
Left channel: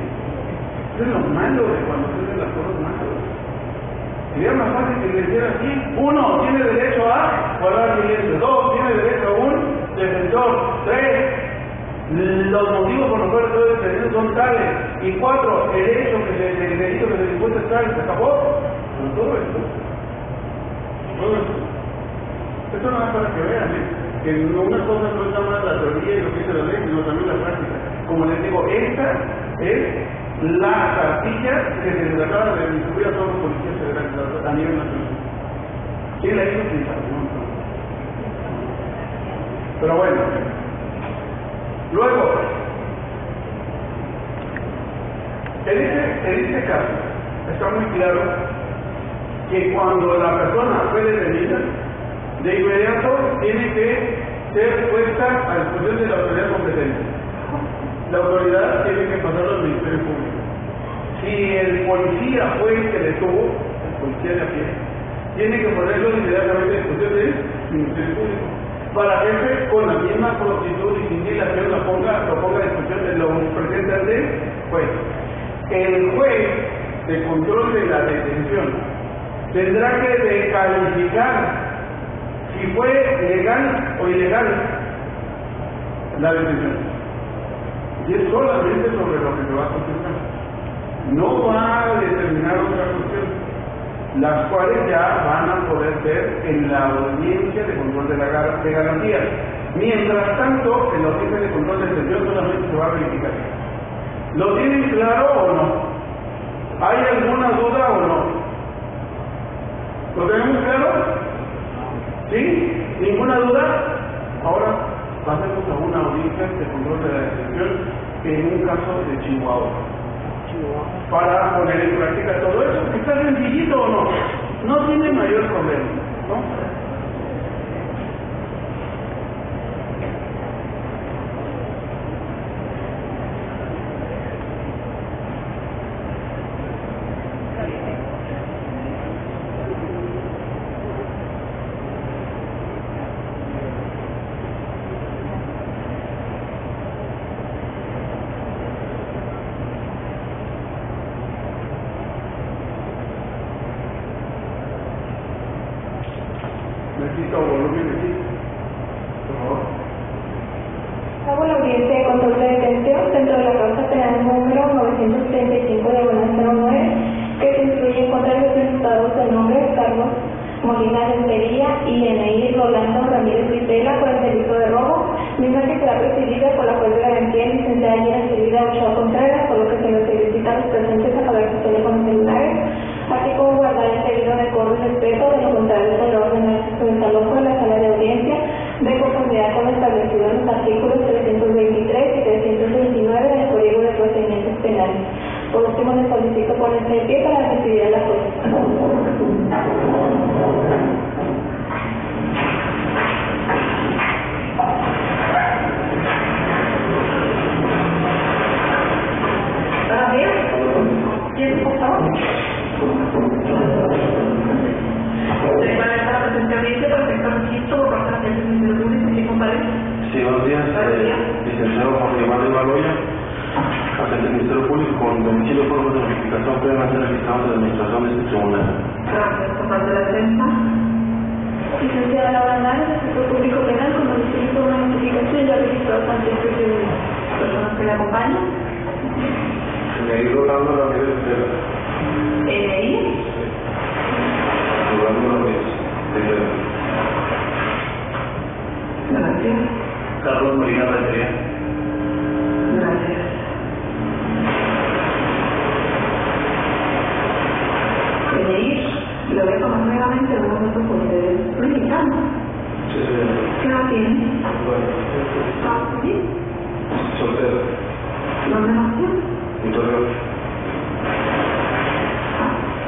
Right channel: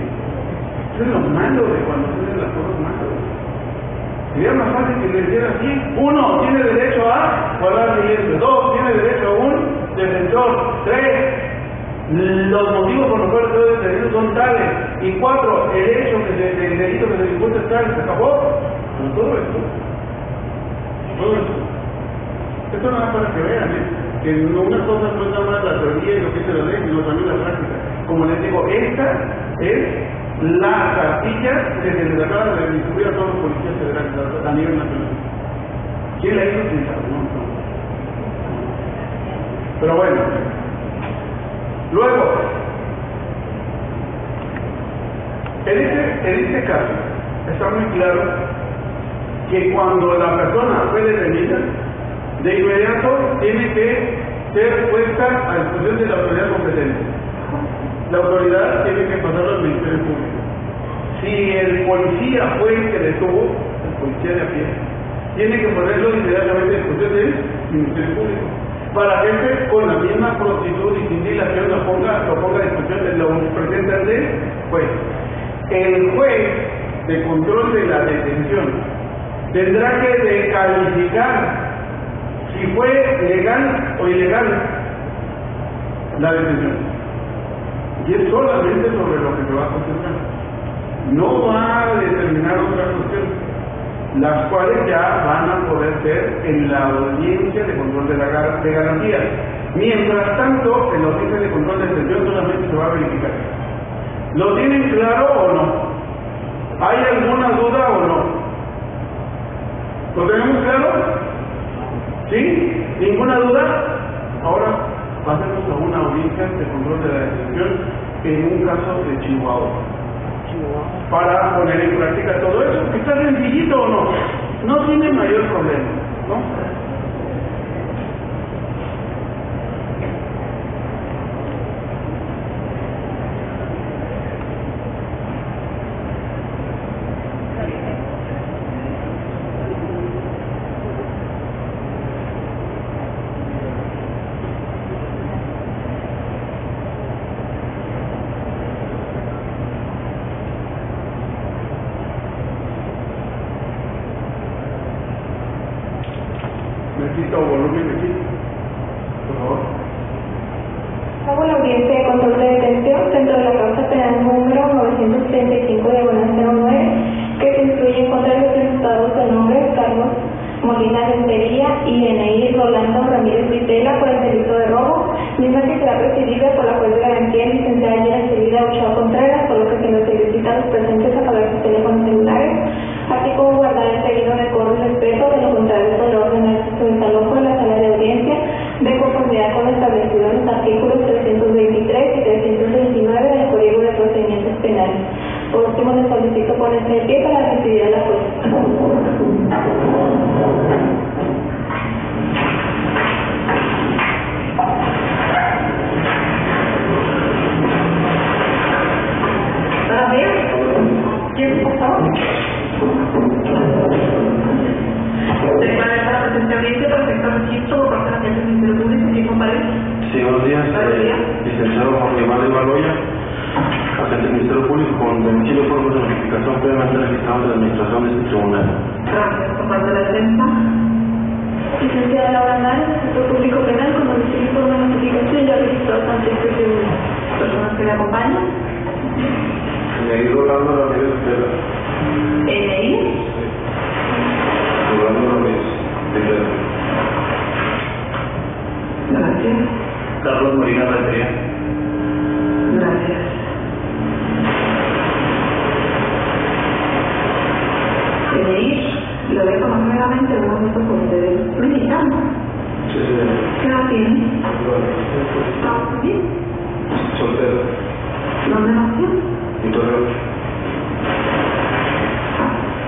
Eso es lo malo de cuando tienen las cosas malas. Sería más fácil que le dijera así. 1, tiene derecho a guardar silencio. 2, tiene derecho a un defensor. 3, los motivos por los cuales estoy detenido son tales. Y 4, el hecho que el delito que se le imputa es tal. ¿Se acabó? Con todo esto. Todo esto. Esto nada para que vean, que no una cosa no es nada más la teoría y lo que dice la ley, sino también la práctica. Como les digo, esta es la cartilla que se les acaba de distribuir a todos los policías federales a nivel nacional. ¿Quién la hizo? ¿Quién sabe? No. Pero bueno. Luego, en este caso, está muy claro que cuando la persona fue detenida, de inmediato tiene que ser puesta a disposición de la autoridad competente. La autoridad tiene que pasarlo al Ministerio Público. Si el policía fue el que detuvo, el policía de a pie, tiene que ponerlo inmediatamente a disposición del Ministerio Público, para que con la misma prontitud y sin dilación lo ponga a disposición de los presentes del juez. El juez de control de la detención tendrá que descalificar si fue legal o ilegal la detención. Y es solamente sobre lo que se va a concentrar. No va a determinar otras cuestiones, las cuales ya van a poder ser en la audiencia de control de garantías. Mientras tanto, en la audiencia de control de detención solamente se va a verificar. ¿Lo tienen claro o no? ¿Hay alguna duda o no? ¿Lo tenemos claro? ¿Sí? ¿Ninguna duda? Ahora pasemos a una audiencia de control de la detención en un caso de Chihuahua. Para poner en práctica todo eso, que está sencillito o no, no tiene mayor problema, ¿no? Necesito volumen aquí, por favor. Hago la audiencia de control de detención dentro de la causa penal número 935/09, que se instruye en contra de los imputados del nombre Carlos Molina Rentería y DNI Rolando Ramírez Vitela por el delito de robo, misma que será presidida por la juez de garantía licenciada y recibida Ochoa Contreras, por lo que se les solicita a los presentes apagar sus teléfonos celulares, así como guardar el debido decoro y respeto, de lo contrario se le ordena el desalojo de la sala de audiencia de conformidad con lo establecido en los artículos 323 y 329 del Código de Procedimientos Penales. Por último, les solicito ponerse de pie para recibir a la jueza. Buenos días. ¿Quién, por favor? Se declara esta presencia audiencia para efectuar registro por parte de la Agencia del Ministerio Público. ¿Quién comparece? Sí, buenos días. Licenciado Juan Guimar de Baloya, agente del Ministerio Público, con domicilio por de notificación previamente registrado de la administración de este tribunal. Gracias. Por parte de la defensa. Licenciada Laura Nara, sector público penal, con domicilio por una notificación ya registrado ante este tribunal. ¿Personas que le acompañan? Eneí Rolando Ramírez Tejeda. ¿Eneí? Rolando Ramírez Tejeda. Gracias. Carlos Molina Rentería. Gracias. ¿Eneí? Lo dejo más nuevamente en un minuto por ustedes. ¿Mexicano? Sí, ¿Qué edad tiene? ¿Está bien? soltero. ¿Dónde nació? En Torreón.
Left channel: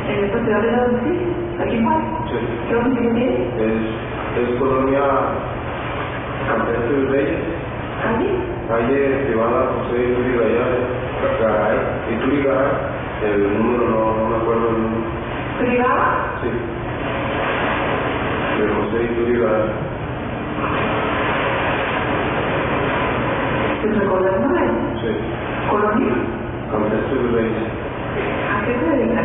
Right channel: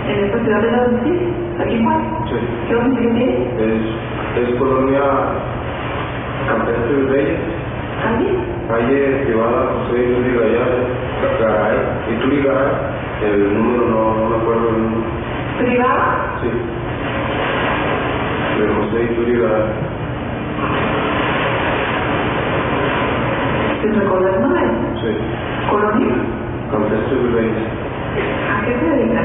¿En esta ciudad de la domicilio? ¿Aquí en Juan? Sí. ¿Qué domicilio tiene? Es colonia Campestre del Rey, ¿Allí? calle privada José Ituri Garay, el número no me acuerdo el número. ¿Privada? Sí. De José Ituri Garay. ¿Se recuerda el nombre? Sí. ¿Colonia? Campestre del Rey. ¿A qué se dedica?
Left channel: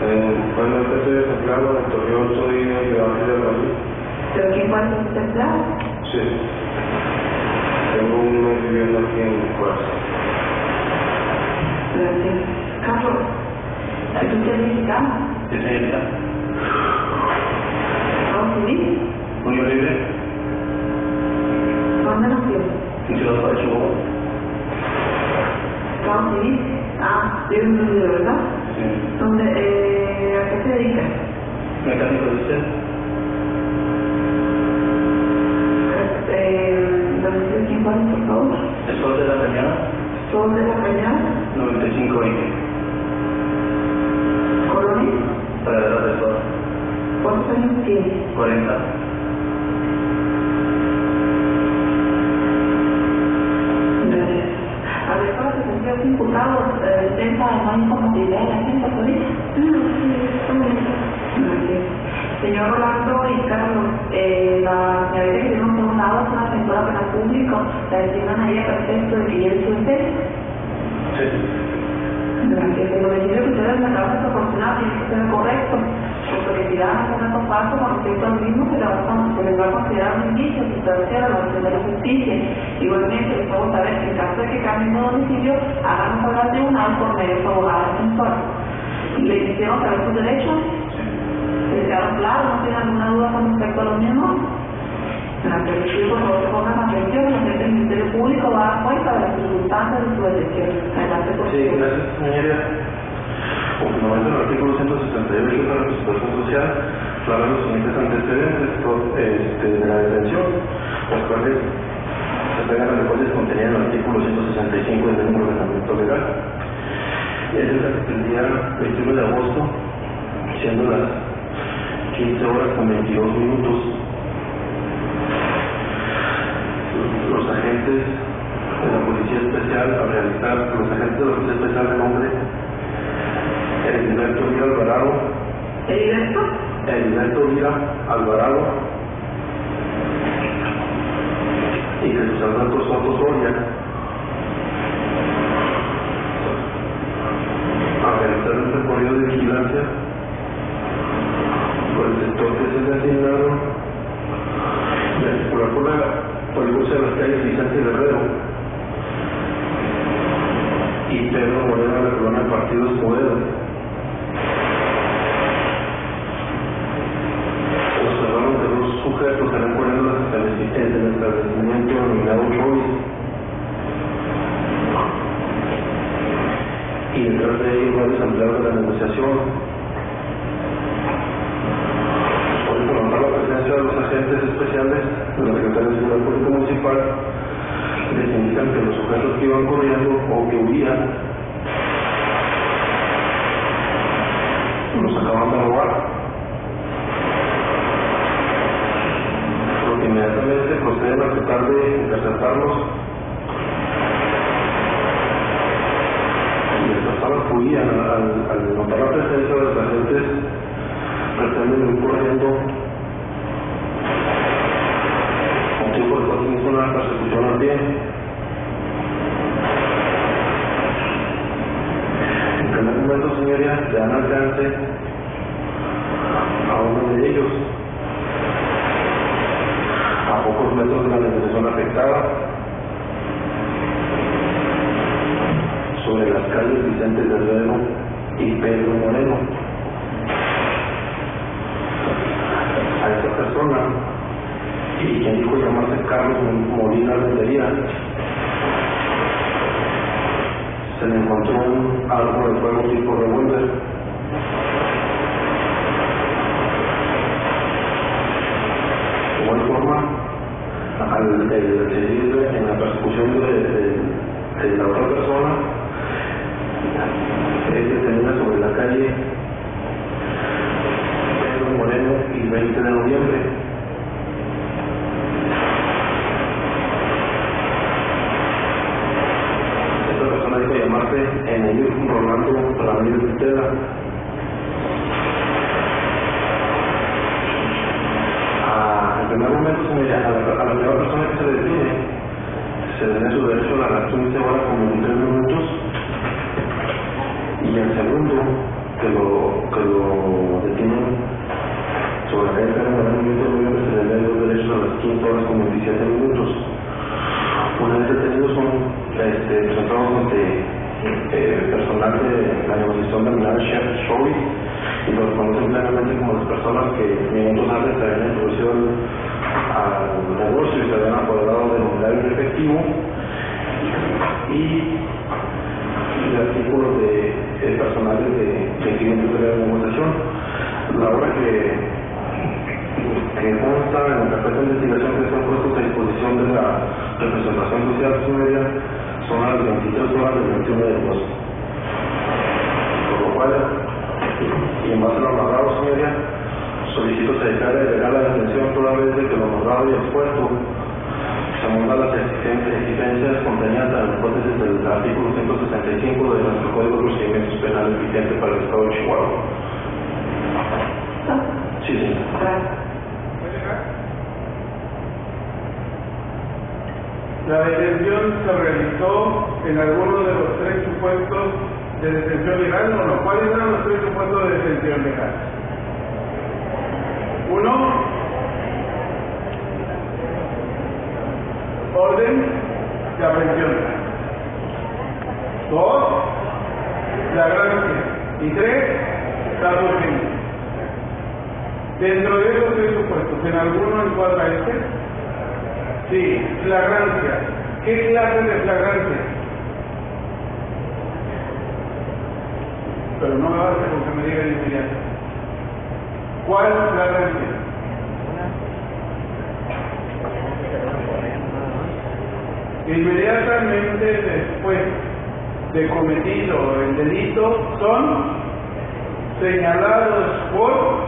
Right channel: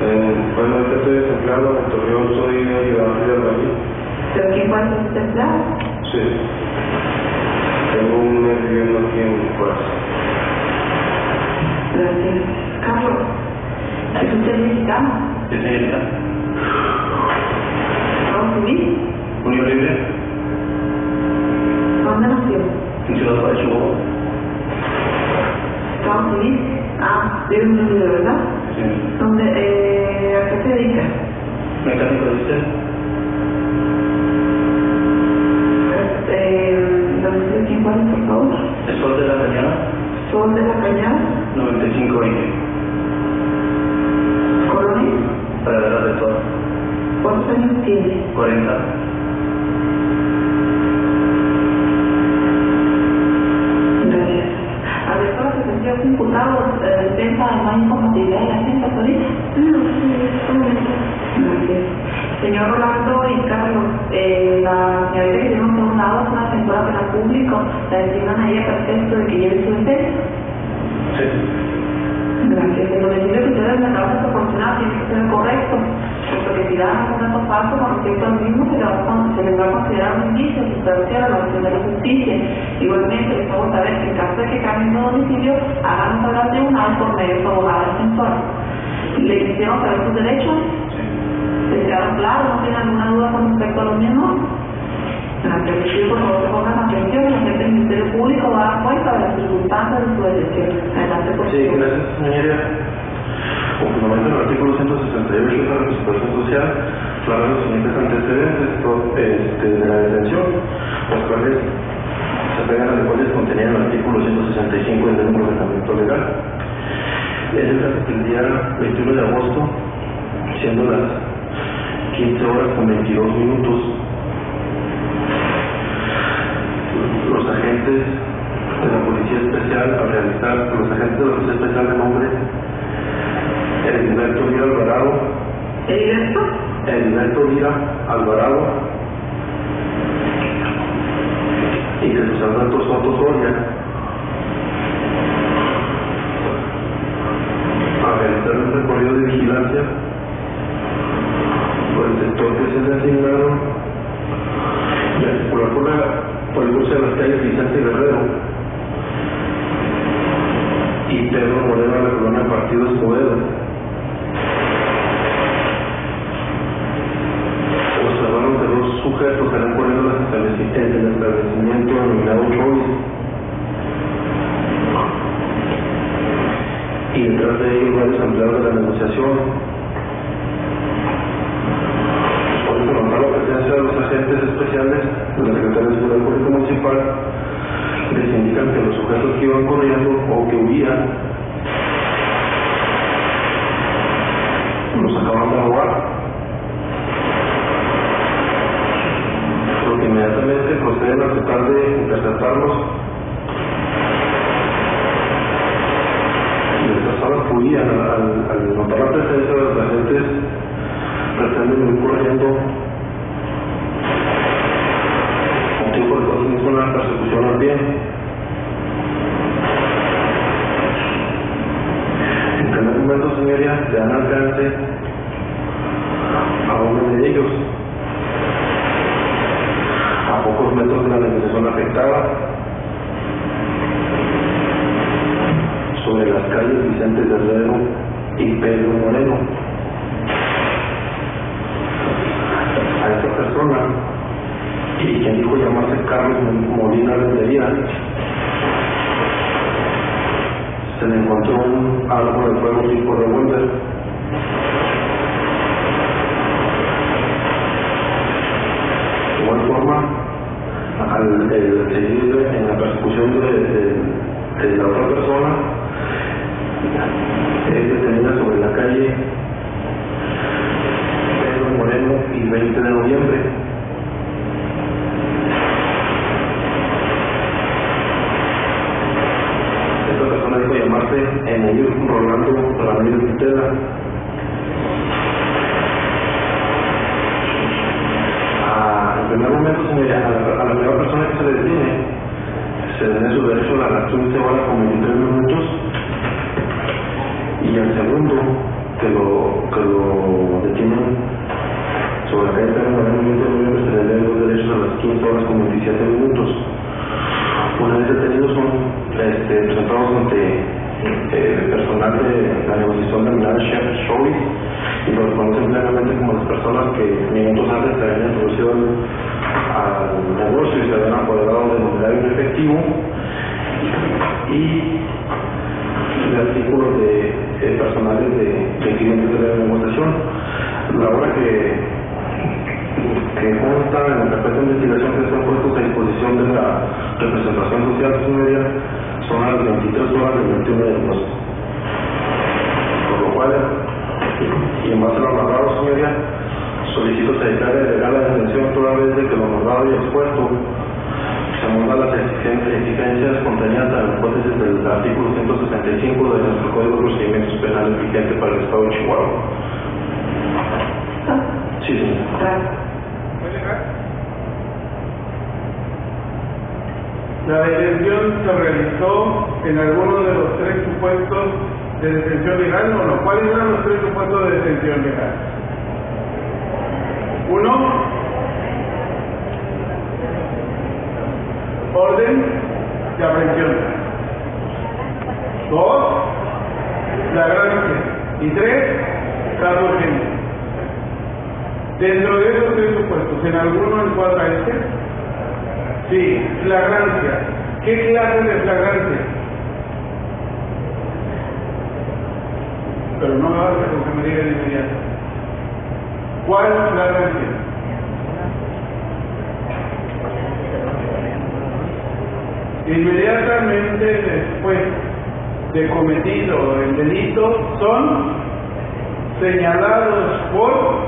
Bueno, ahorita estoy desempleado, en Torreón soy ayudante de albañil. ¿Pero quién puede ser usted empleado? Sí. Tengo un mes viviendo aquí en Juárez. Gracias. Carlos, ¿es usted mexicano? Sí, señorita. ¿Estados Unidos? Unión Libre, ¿Dónde nació? en Ciudad Juárez, Chihuahua. ¿Estados Unidos? Vive en un de ¿verdad? Sí. ¿Dónde, ¿a qué se dedica? Mecánico de usted. ¿Domicilio quién puede, por favor? El Sol de la Cañada, ¿Sol de la Cañada? 9520. ¿Colonia? Praderas del Sol, ¿Cuántos años tiene? 40. Gracias. A ver, para que se sea imputado, defensa de no incompatibilidad de la gente, ¿ahorita? Gracias. Señor Rolando y Carlos, la señorita que tenemos por un lado es una defensora penal público, la designan a ella para efecto de que lleve su defensa. Sí. Gracias. El domicilio que ustedes me acaban de proporcionar tiene que ser correcto, puesto que si dan un dato falso con respecto al mismo, se les va a considerar un indicio sustancial a la acción de la justicia. Igualmente, les hago saber que en caso de que cambien de domicilio, háganos hablar al tribunal por medio de su abogada defensora. ¿Le hicieron saber sus derechos? ¿Se quedaron claros? ¿No tienen alguna duda con respecto a los mismos? Gracias. Por favor, se pongan atención, la gente del Ministerio Público va a dar cuenta de las circunstancias de su elección. Adelante, por favor. Sí, gracias, señoría. Con fundamento en el artículo 168 de la Constitución Social, hablan los siguientes antecedentes de la detención, los cuales se pegan a los cuales contenían el artículo 165 del ordenamiento legal. Es el día 21 de agosto, siendo las 15 horas con 22 minutos, los agentes de la Policía Especial, al realizar los agentes de la Policía Especial de nombre Heriberto Lira Alvarado. ¿Heriberto? Heriberto Lira Alvarado y Jesús Alberto Soto Soria, a realizar un recorrido de vigilancia por el sector que se les asignaron y a circular por el curso de las calles Vicente Guerrero y Pedro Moreno de la colonia Partido Escobedo. Observaron que dos sujetos eran corriendo en el establecimiento denominado Choice y detrás de ellos varios empleados de la negociación. Por informar la presencia de los agentes especiales de la Secretaría de Seguridad Pública Municipal, les indican que los sujetos que iban corriendo o que huían los acaban de robar, porque inmediatamente proceden a tratar de interceptarlos y las personas huían. Al notar la presencia de los agentes pretenden ir corriendo, motivo por el cual se inició una persecución al pie. En primer momento, señoría, le dan alcance a uno de ellos a pocos metros de la negociación afectada, sobre las calles Vicente Guerrero y Pedro Moreno. A esta persona, y quien dijo llamarse Carlos Molina Rentería, se le encontró un arma de fuego tipo revólver. De igual forma, al seguir en la persecución de la otra persona, es detenida sobre la calle Pedro Moreno y 20 de noviembre. Esta persona dijo llamarse Emilio Rolando Ramírez Vitela. En primer momento, a la primera persona que se le detiene, se tiene su derecho a las 15 horas con 23 minutos, y al segundo que lo detienen sobre la calle Pedro Moreno y 20 de noviembre, se le den los derechos a las 15 horas con 27 minutos. Una vez detenidos son presentados ante personal de la negociación denominada Chef Choice, y los conocen plenamente como las personas que minutos antes se habían introducido al negocio y se habían apoderado del mobiliario en efectivo y de artículos de personales de clientes de la negociación. La hora que consta en la carpeta de investigación que están puestos a disposición de la representación social media son a las 23 horas del 21 de agosto. Por lo cual, y en base a lo narrado, señoría, solicito se declare legal la detención toda vez de que lo narrado y expuesto se monta las exigencias contenidas en la hipótesis del artículo 165 de nuestro Código de Procedimientos Penales vigente para el Estado de Chihuahua. Sí, sí. La detención se realizó en alguno de los tres supuestos de detención legal, o no. ¿Cuáles eran los tres supuestos de detención legal? Uno, orden de aprehensión. Dos, flagrancia. Y tres, caso urgente. Dentro de esos tres supuestos, ¿en alguno encuadra este? Sí, flagrancia. ¿Qué clase de flagrancia? Pero no me basta con que me diga de inmediato. ¿Cuál flagrancia? Inmediatamente después de cometido el delito son señalados por